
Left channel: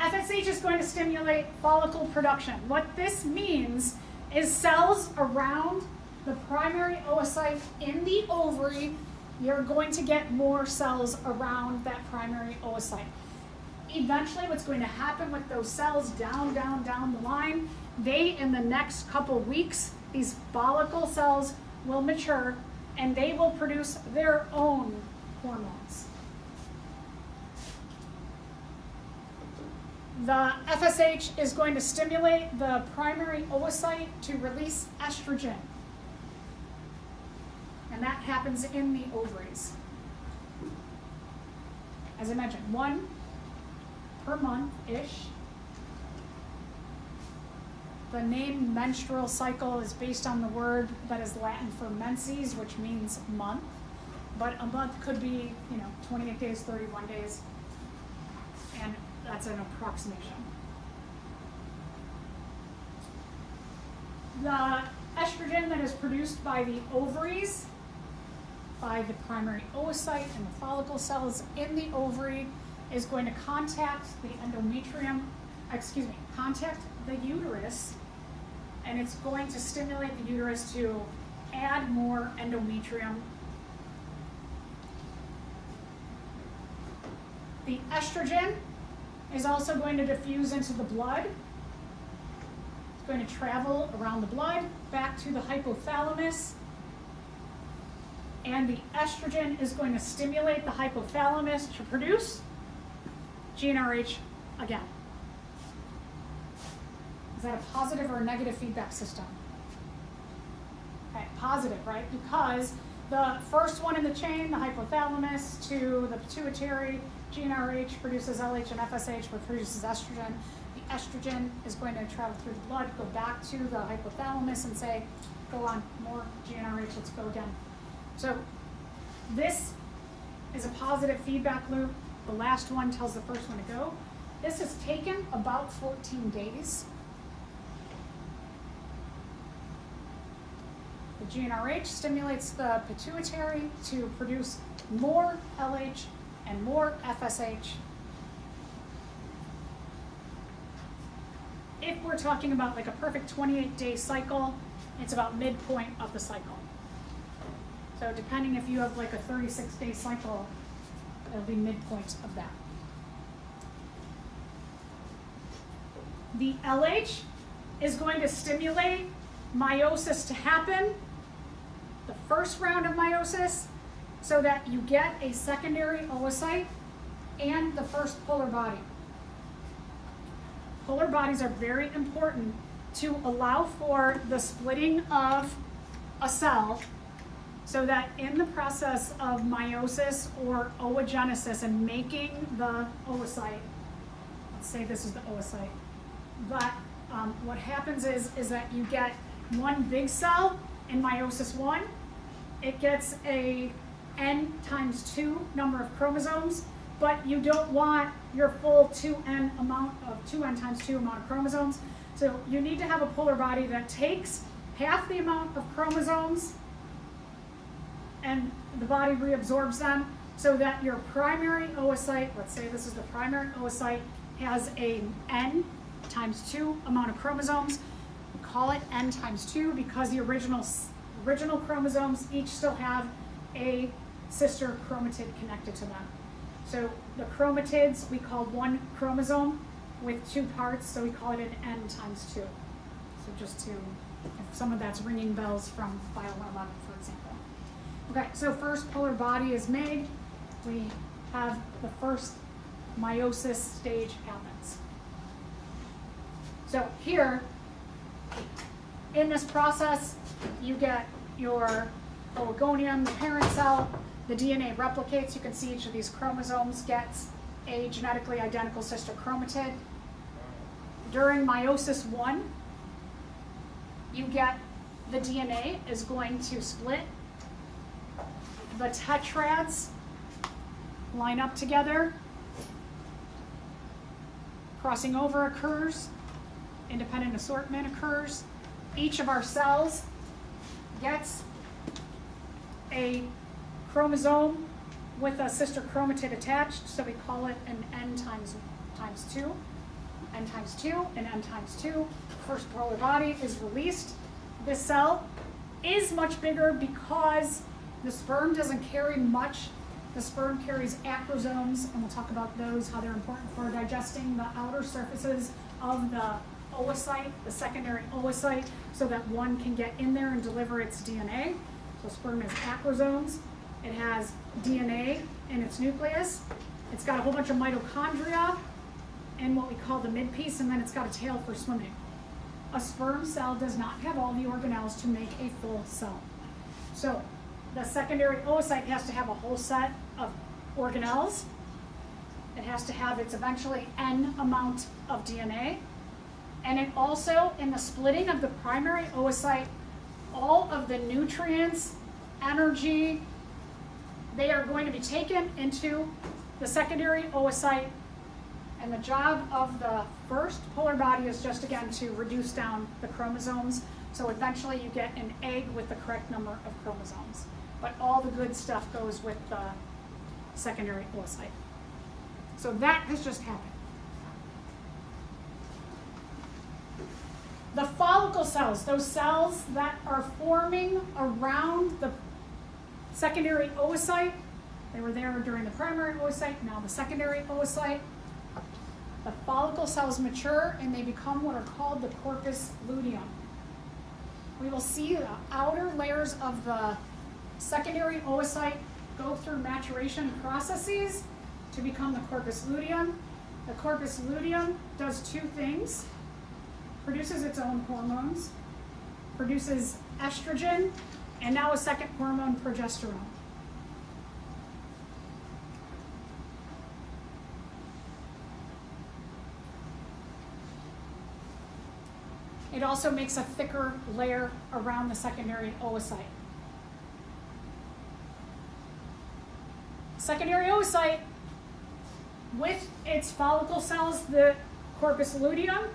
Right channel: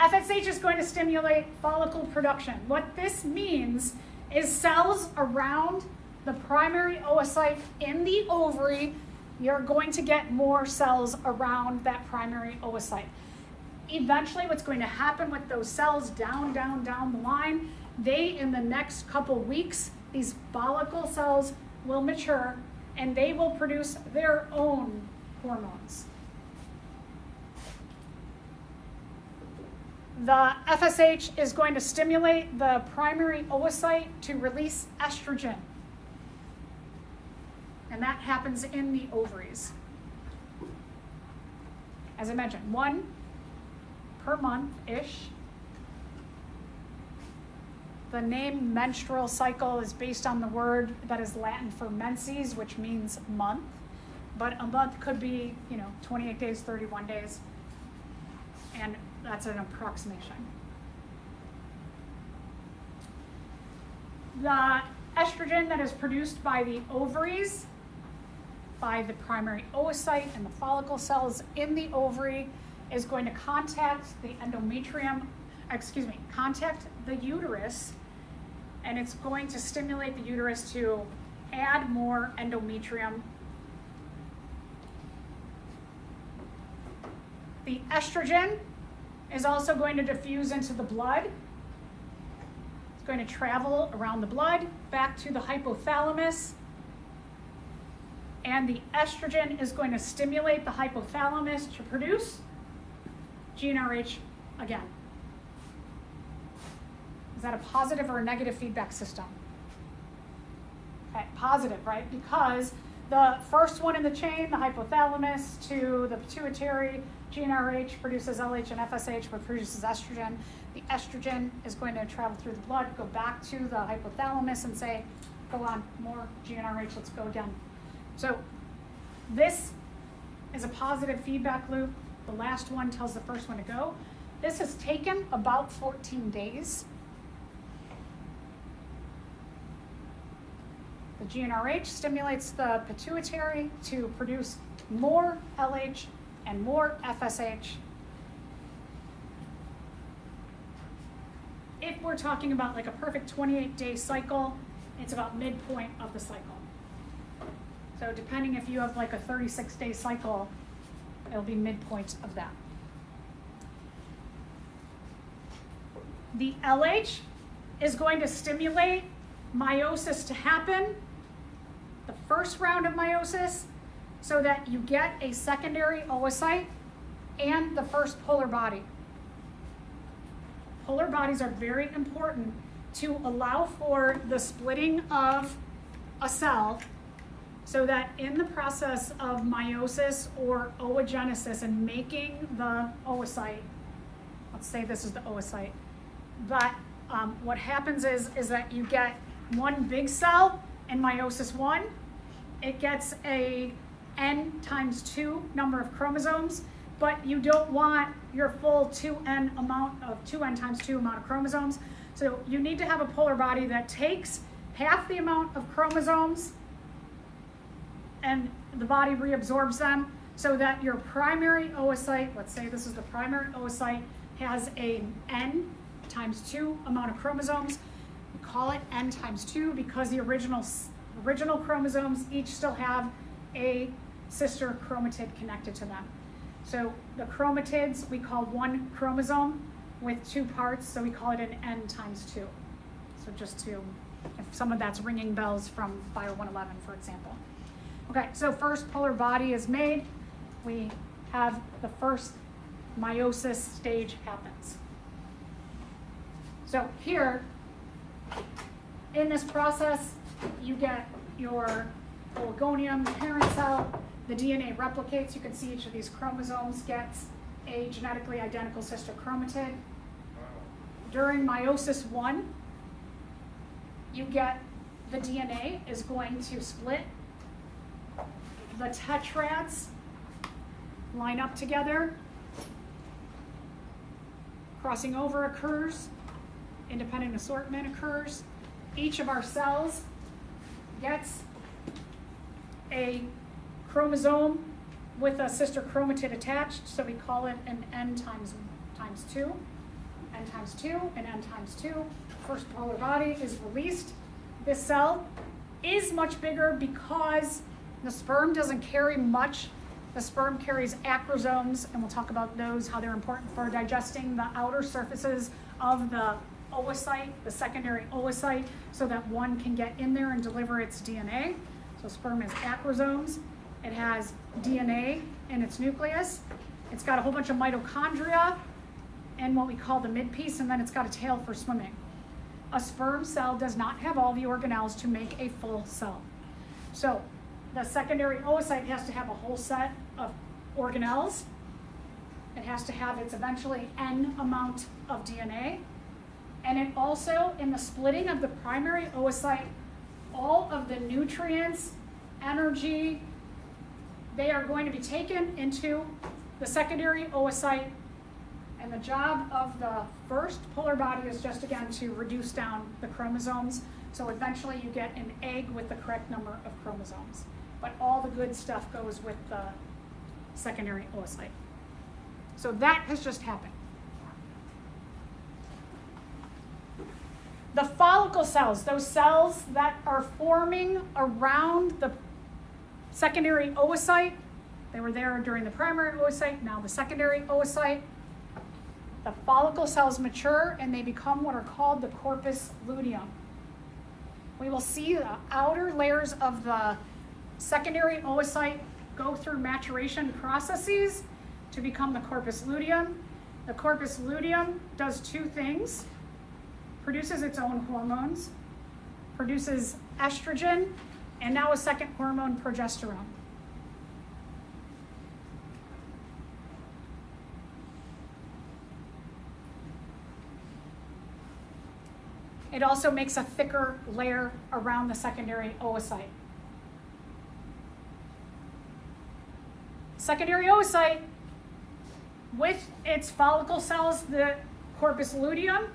FSH is going to stimulate follicle production. What this means is cells around the primary oocyte in the ovary, you're going to get more cells around that primary oocyte. Eventually, what's going to happen with those cells down the line, they, in the next couple weeks, these follicle cells will mature and they will produce their own hormones. The FSH is going to stimulate the primary oocyte to release estrogen. And that happens in the ovaries. As I mentioned, 1 per month-ish. The name menstrual cycle is based on the word that is Latin for menses, which means month. But a month could be, 28 days, 31 days. And that's an approximation. The estrogen that is produced by the ovaries, by the primary oocyte and the follicle cells in the ovary, is going to contact the contact the uterus, and it's going to stimulate the uterus to add more endometrium. The estrogen is also going to diffuse into the blood. It's going to travel around the blood back to the hypothalamus, and the estrogen is going to stimulate the hypothalamus to produce GnRH again. Is that a positive or a negative feedback system? Okay, positive, right? Because the first one in the chain, the hypothalamus to the pituitary, GnRH produces LH and FSH, which produces estrogen. The estrogen is going to travel through the blood, go back to the hypothalamus and say, go on, more GnRH, let's go down. So this is a positive feedback loop. The last one tells the first one to go. This has taken about 14 days. The GnRH stimulates the pituitary to produce more LH and more FSH. if we're talking about like a perfect 28-day cycle, it's about midpoint of the cycle. So depending if you have like a 36-day cycle, it'll be midpoint of that. The LH is going to stimulate meiosis to happen, the first round of meiosis, so that you get a secondary oocyte and the first polar body. Polar bodies are very important to allow for the splitting of a cell, so that in the process of meiosis or oogenesis and making the oocyte, let's say this is the oocyte, that what happens is that you get one big cell in meiosis 1, it gets a n times 2 number of chromosomes, but you don't want your full 2n times 2 amount of chromosomes. So you need to have a polar body that takes half the amount of chromosomes and the body reabsorbs them, so that your primary oocyte, let's say this is the primary oocyte, has a n times 2 amount of chromosomes. We call it n times 2 because the original chromosomes each still have a sister chromatid connected to them. So the chromatids we call one chromosome with 2 parts, so we call it an n times 2. So just to, if some of that's ringing bells from Bio 111, for example. Okay, so first polar body is made. We have the first meiosis stage happens. So here, in this process, you get your oligonium, the parent cell, the DNA replicates. You can see each of these chromosomes gets a genetically identical sister chromatid. During meiosis 1, you get the DNA is going to split. The tetrads line up together. Crossing over occurs. Independent assortment occurs. Each of our cells gets a chromosome with a sister chromatid attached, so we call it an n times 2, n times 2, and n times 2. First polar body is released. This cell is much bigger because the sperm doesn't carry much. The sperm carries acrosomes, and we'll talk about those, how they're important for digesting the outer surfaces of the oocyte, the secondary oocyte, so that one can get in there and deliver its DNA. So sperm has acrosomes. It has DNA in its nucleus. It's got a whole bunch of mitochondria and what we call the midpiece, and then it's got a tail for swimming. A sperm cell does not have all the organelles to make a full cell. So the secondary oocyte has to have a whole set of organelles. It has to have its eventually n amount of DNA. And it also, in the splitting of the primary oocyte, all of the nutrients, energy, they are going to be taken into the secondary oocyte. And the job of the first polar body is just, again, to reduce down the chromosomes. So eventually you get an egg with the correct number of chromosomes. But all the good stuff goes with the secondary oocyte. So that has just happened. The follicle cells, those cells that are forming around the secondary oocyte, they were there during the primary oocyte, now the secondary oocyte. The follicle cells mature and they become what are called the corpus luteum. We will see the outer layers of the secondary oocyte go through maturation processes to become the corpus luteum. The corpus luteum does 2 things. Produces its own hormones, produces estrogen, and now a second hormone, progesterone. It also makes a thicker layer around the secondary oocyte. Secondary oocyte, with its follicle cells, the corpus luteum,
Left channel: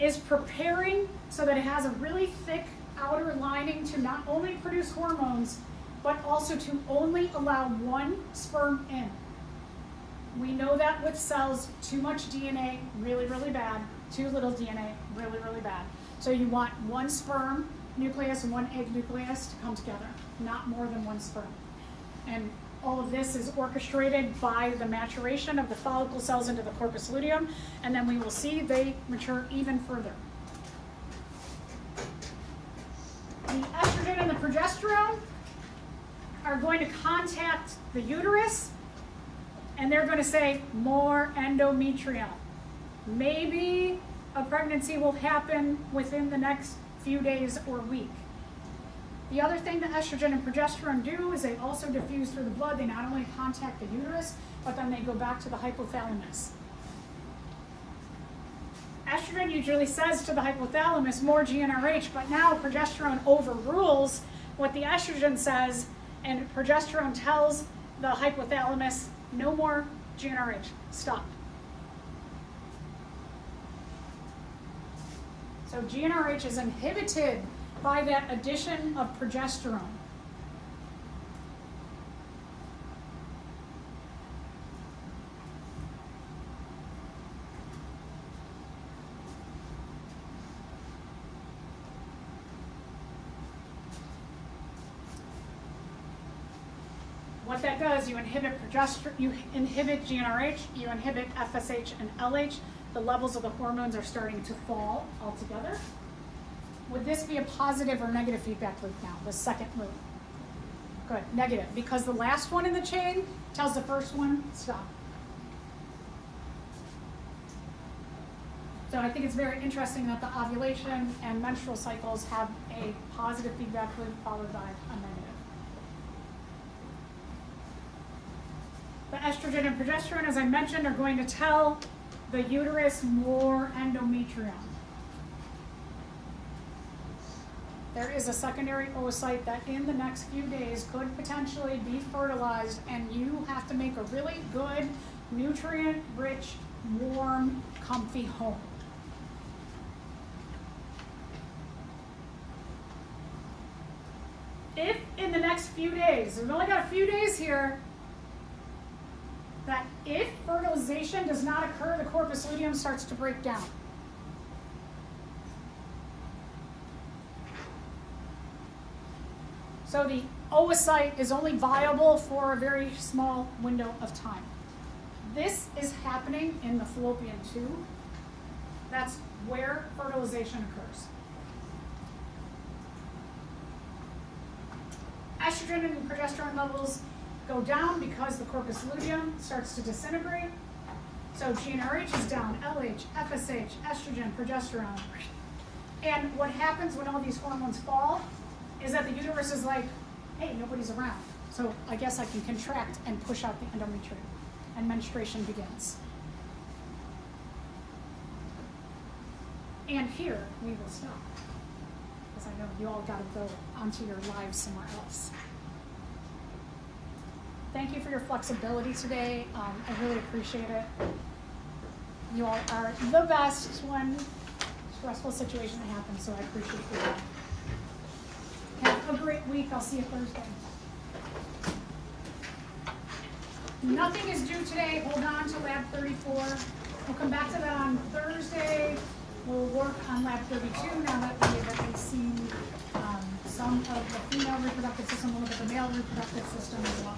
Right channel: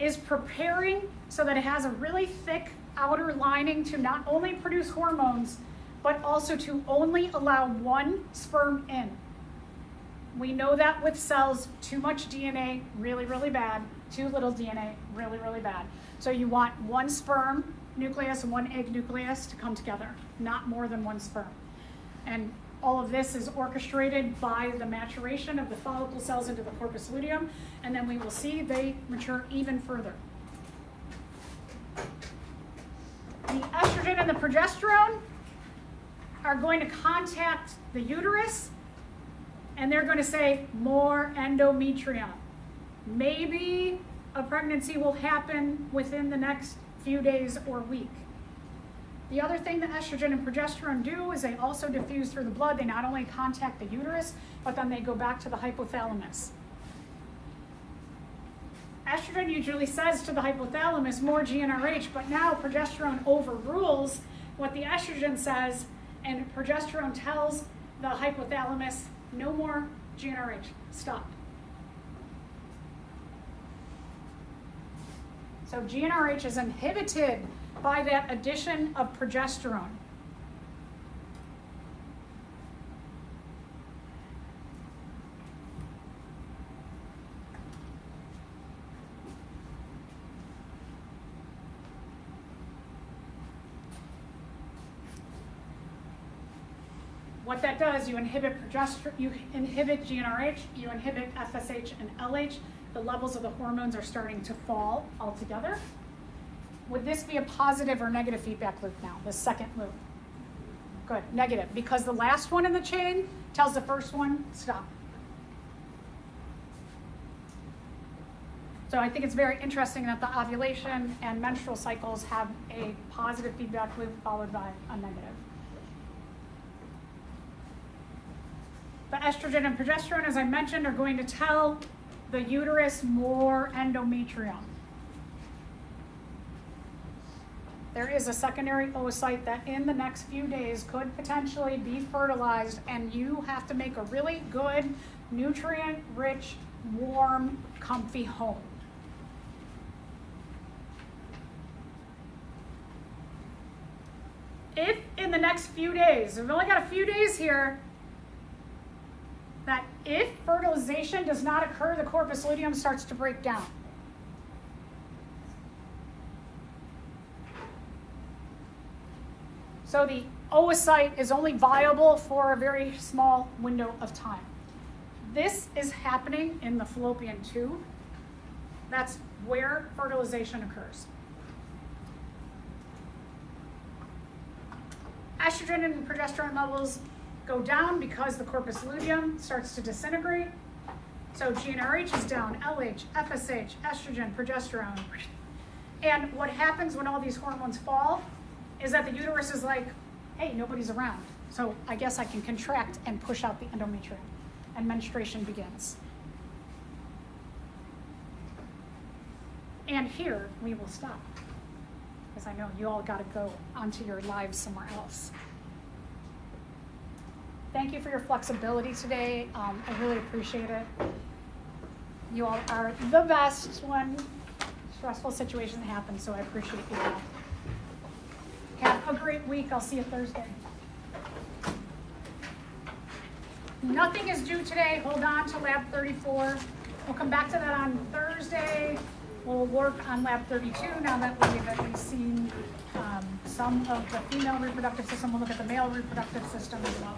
is preparing so that it has a really thick outer lining to not only produce hormones, but also to only allow one sperm in. We know that with cells, too much DNA, really, really bad. too little DNA, really, really bad. So you want one sperm nucleus and one egg nucleus to come together, not more than one sperm. And all of this is orchestrated by the maturation of the follicle cells into the corpus luteum, and then we will see they mature even further. The estrogen and the progesterone are going to contact the uterus, and they're going to say, more endometrium. Maybe a pregnancy will happen within the next few days or week. The other thing that estrogen and progesterone do is they also diffuse through the blood. They not only contact the uterus, but then they go back to the hypothalamus. Estrogen usually says to the hypothalamus, more GnRH, but now progesterone overrules what the estrogen says, and progesterone tells the hypothalamus, no more GnRH, stop. So GnRH is inhibited by that addition of progesterone. What that does, you inhibit progesterone, you inhibit GnRH, you inhibit FSH and LH. The levels of the hormones are starting to fall altogether. Would this be a positive or negative feedback loop now, the second loop? Good, negative, because the last one in the chain tells the first one, stop. So I think it's very interesting that the ovulation and menstrual cycles have a positive feedback loop followed by a negative. The estrogen and progesterone, as I mentioned, are going to tell the uterus more endometrium. There is a secondary oocyte that in the next few days could potentially be fertilized, and you have to make a really good, nutrient-rich, warm, comfy home. If in the next few days, we've only got a few days here, that if fertilization does not occur, the corpus luteum starts to break down. So the oocyte is only viable for a very small window of time. This is happening in the fallopian tube. That's where fertilization occurs. Estrogen and progesterone levels go down because the corpus luteum starts to disintegrate. So GnRH is down, LH, FSH, estrogen, progesterone. And what happens when all these hormones fall is that the uterus is like, hey, nobody's around. So I guess I can contract and push out the endometrium, and menstruation begins. And here we will stop, because I know you all gotta go onto your lives somewhere else. Thank you for your flexibility today. I really appreciate it. You all are the best when stressful situation happens, so I appreciate you all. Have a great week. I'll see you Thursday. Nothing is due today. Hold on to lab 34. We'll come back to that on Thursday. We'll work on lab 32 now that we've already seen some of the female reproductive system. We'll look at the male reproductive system as well.